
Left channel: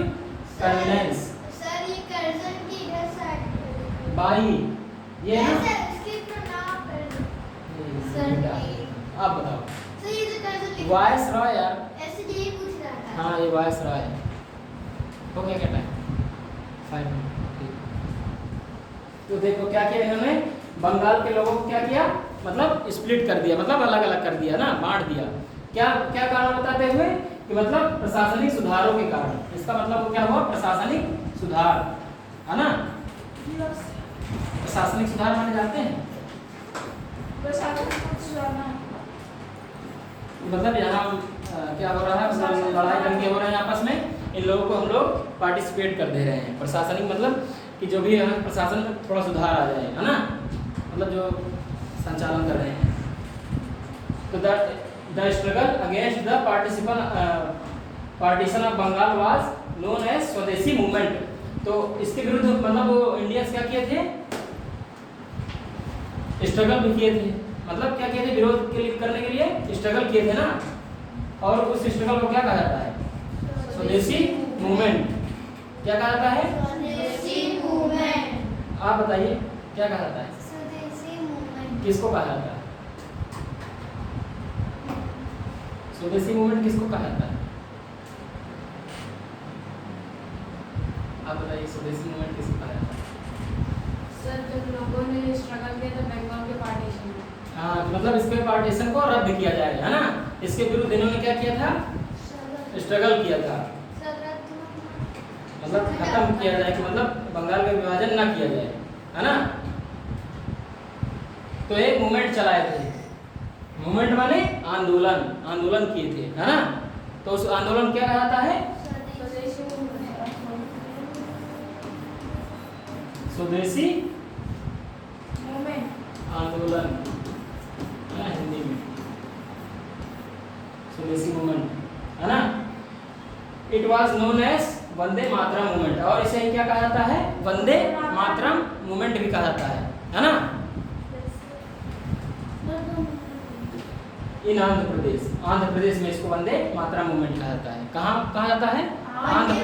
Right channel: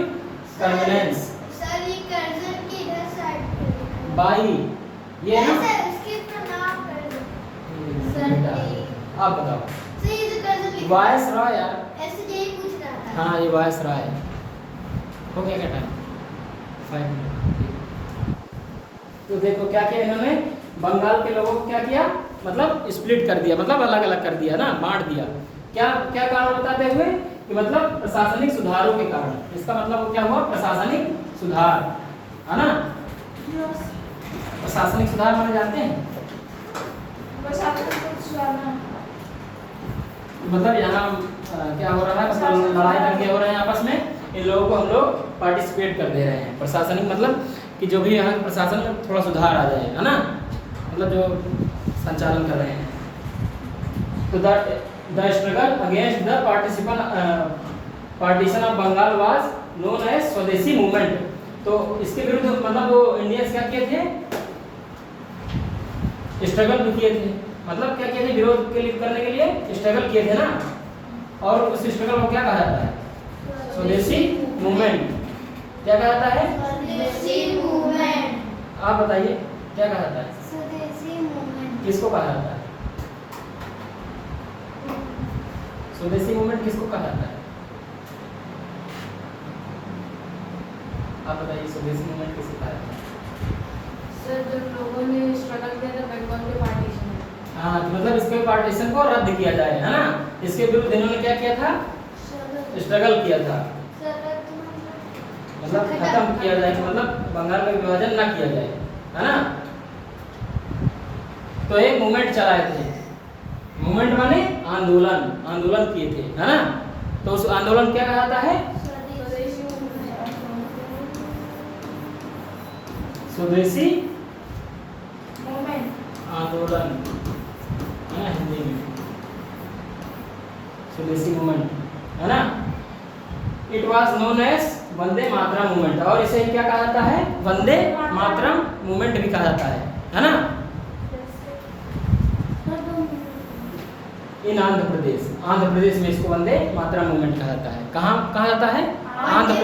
convenience sir ये कर्जन की इधर साइड पे लिखा है। बाई ये ना। सर इसके प्रणाम कर सर नहीं। आप बताओ। सर ये जो कर्जन लिखा वायस रॉय यार। ऐसे यही पूछ रहा था। हाँ, ये वायस रॉय है। हो गया क्या टाइम? 5 मिनट। तो देखो क्या किया इन्होंने, बंगाल के लोगों को क्या किया? मतलब स्प्लिट कर दिया, मतलब अलग अलग कर दिया ना, बांट दिया। क्या क्या कारण बताते हुए कि मतलब प्रशासनिक सुधारों के कारण। इसका मतलब क्या हुआ? प्रशासनिक सुधार, है ना? प्रशासनिक सुधार माने जाते हैं, मतलब यहाँ क्या हो रहा है? मतलब लड़ाई दंगे हो रहे हैं आपस में, इन लोगों को हम लोग पार्टिसिपेट कर दे रहे हैं। प्रशासनिक मतलब कि जो भी यहाँ प्रशासन में थोड़ा सुधार आ जाए, है ना? मतलब जो संचालन कर रहे हैं। तो the struggle against the partition of Bengal was known as Swadeshi movement. तो इसके विरुद्ध मतलब वो इंडियंस क्या किए थे? स्ट्रगल भी किए थे। मतलब क्या किए थे? विरोध के लिए करने के लिए स्ट्रगल किए थे ना। और उस स्ट्रगल को क्या कहा जाता है? स्वदेशी मूवमेंट। क्या कहा जाता है? स्वदेशी मूवमेंट। आप बताइए क्या कहा जाता है? स्वदेशी मूवमेंट किसको कहा जाता है? स्वदेशी मूवमेंट किसको कहा जाता है? आप बताइए स्वदेशी मूवमेंट किसको कहा जाता है? सर जब लोगों ने स्ट्रगल किया था बंगाल के पार्टीशन में। हाँ, तो मतलब इसके पार्टीशन को रद्द किया जाए, है ना? इसके विरुद्ध इन्होंने क्या किया था? स्ट्रगल किया था, मतलब खत्म किया जाए कि मतलब बंगाल का विभाजन ना किया जाए, है ना? तो एक मूवमेंट चलाए थे। मूवमेंट माने आंदोलन, आंदोलन किए थे, है ना? तो उस आंदोलन क्या कहा जाता है? स्वदेशी आंदोलन, है ना? हिंदी में स्वदेशी मूवमेंट, है ना? It was known as Vande Mataram movement. और इसे क्या कहा जाता है? वंदे मातरम मूवमेंट भी कहा जाता है ना? इन आंध्र प्रदेश में इसको वंदे मातरम मूवमेंट कहा जाता है। कहाँ कहा जाता है? आंध्र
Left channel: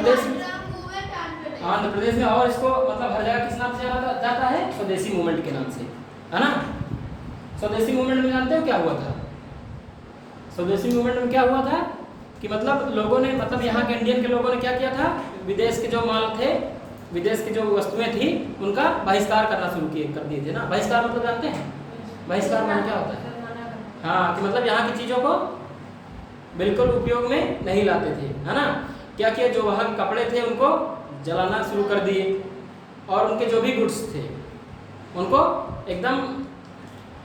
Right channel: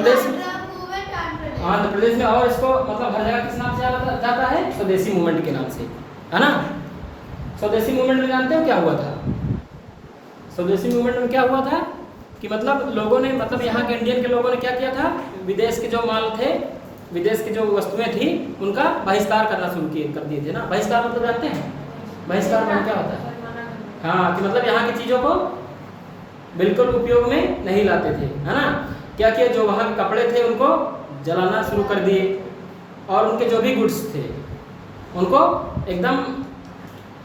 प्रदेश में, और इसको मतलब हर जगह किस नाम से जाना जाता है? स्वदेशी मूवमेंट के नाम से, है ना। स्वदेशी मूवमेंट में जानते हो क्या हुआ था? स्वदेशी मूवमेंट में क्या हुआ था कि मतलब लोगों ने, मतलब यहाँ के इंडियन के लोगों ने क्या किया था, विदेश के जो माल थे, विदेश की जो वस्तुएं थी, उनका बहिष्कार करना शुरू कर दिए थे ना। बहिष्कार मतलब जानते हैं? बहिष्कार माने क्या होता है? हाँ, कि मतलब यहाँ की चीज़ों को बिल्कुल उपयोग में नहीं लाते थे, है ना। क्या किया, जो वहाँ के कपड़े थे उनको जलाना शुरू कर दिए, और उनके जो भी गुड्स थे उनको एकदम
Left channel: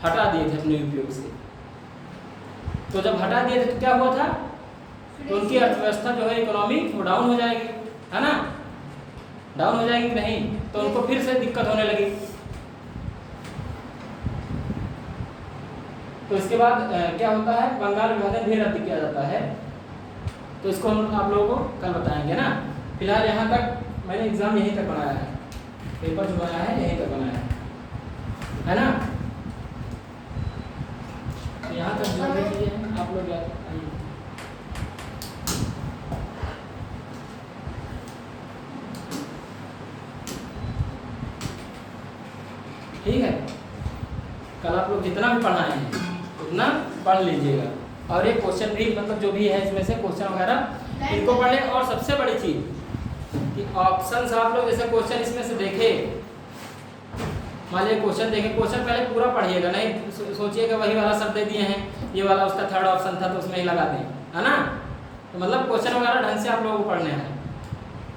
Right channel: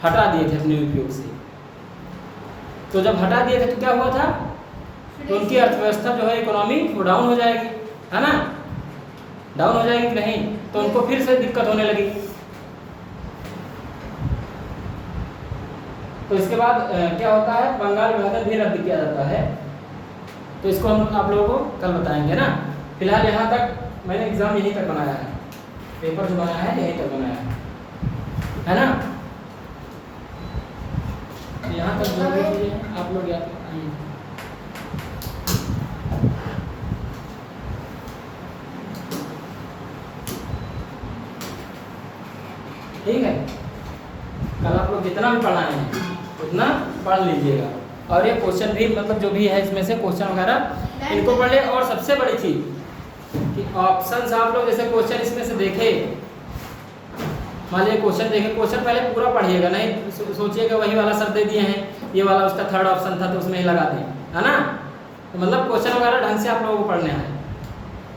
हटा दिए थे अपने उपयोग से। तो जब हटा दिए थे तो क्या हुआ था, तो उनकी अर्थव्यवस्था जो है, इकोनॉमी, वो डाउन हो जाएगी, है ना। डाउन हो जाएगी कि नहीं, तो उनको फिर से दिक्कत होने लगी। तो इसके बाद क्या होता है, बंगाल विभाजन भी रद्द किया जाता है। तो इसको हम आप लोगों को कल बताएंगे ना। फिलहाल यहाँ तक मैंने एग्जाम यहीं तक बनाया है, पेपर जो बनाया है यहीं तक बनाया है ना। यहाँ तक जो भी चीजें आप लोग याद, ठीक है। कल आप लोग जितना भी पढ़ाए हैं उतना पढ़ लीजिएगा, और ये क्वेश्चन भी मतलब जो भी है इसमें से क्वेश्चन वगैरह इनको पढ़ ले। और सबसे बड़ी चीज कि ऑप्शंस आप लोग जैसे क्वेश्चन इसमें से देखे, मान लीजिए क्वेश्चन देखे, क्वेश्चन पहले पूरा पढ़िएगा, नहीं सोचिएगा वही वाला सब दे दिए हैं, ये वाला उसका थर्ड ऑप्शन था तो उसमें ही लगा दें, है ना। तो मतलब क्वेश्चन वगैरह ढंग से आप लोगों को पढ़ना है।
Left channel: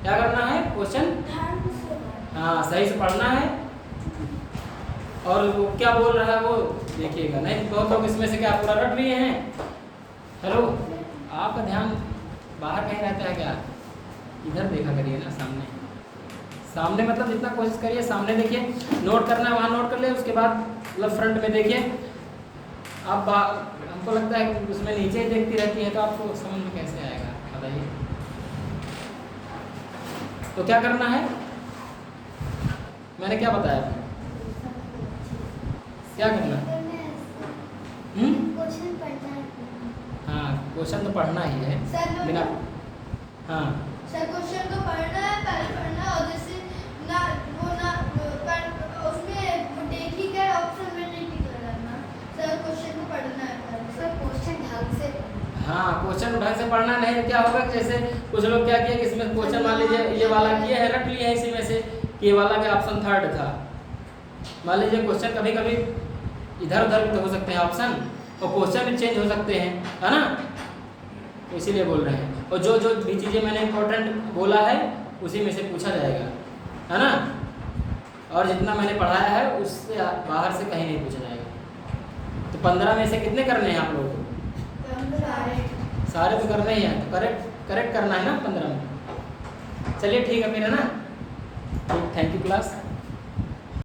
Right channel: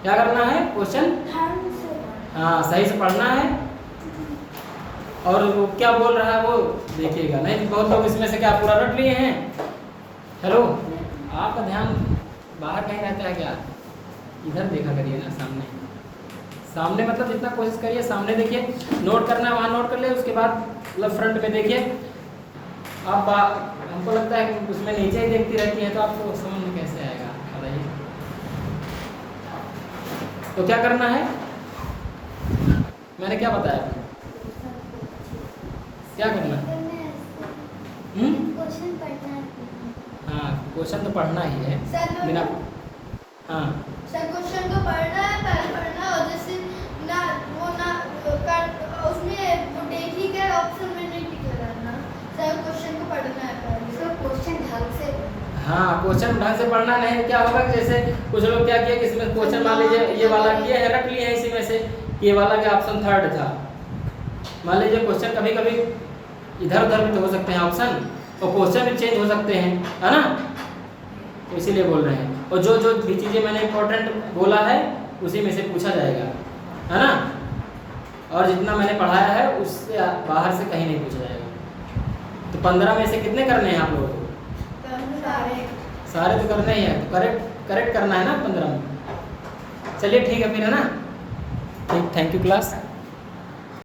क्या करना है, क्वेश्चन हाँ सही से पढ़ना है, और वो क्या बोल रहा है वो देखिएगा। नहीं बहुत लोग इसमें से क्या पूरा रट लिए हैं। हेलो, आपका ध्यान बाहर कहीं रहता है क्या? इधर देखा करिए ना, सामने सामने मतलब जितना कोशिश करिए सामने देखिए, नोट करना है वहाँ नोट कर ले, उसके बाद मतलब फ्रंट में देखिए। आप हमको लगता है कि उसमें नीचे ही देखती रहती है, तो आपको समझ में कैसे आएगा बताइए। तो क्या करना है, मैंने क्या बताया आपको, क्या करना है? हाँ, क्वेश्चन तो पढ़ना ही है बिना, हाँ सर क्वेश्चन को पढ़ना है, पहले पढ़ना, और जैसे ना वो ना कर उसमें वो देखी क्या ऑप्शन में नहीं टिक रहना। सर क्वेश्चन को पढ़ना है पहले, सर क्वेश्चन ढंग से, हाँ क्वेश्चन ढंग से पढ़ना। नहीं तो क्या होगा कि जैसे कुछ लोग क्या किया कि इसमें क्वेश्चन मान लीजिए ये वाला किए है, रख लिए है इसी में से, ये वाला के ऑप्शन थर्ड था। मान लीजिए क्वेश्चन कभी कभी इधर उधर भी तो हो सकते हैं ऑप्शन, और क्वेश्चन भी चेंज हो सकते हैं, है ना। तो इसीलिए बोल रहे हैं, और जो जो भी चीज़ें मैंने इंपॉर्टेंट बोला है उसी में से पूछा जाएगा, है ना। और जितना मैंने पढ़ाया है उससे बाहर से कहीं नहीं पूछा जाएगा। तो 15 में से कितने करने हैं आप लोगों को? सारे तो करने ही हैं, तो करेक्ट करना है ना 15 में। चलिए ठीक है फिर, है ना। ठीक, थैंक यू क्लास।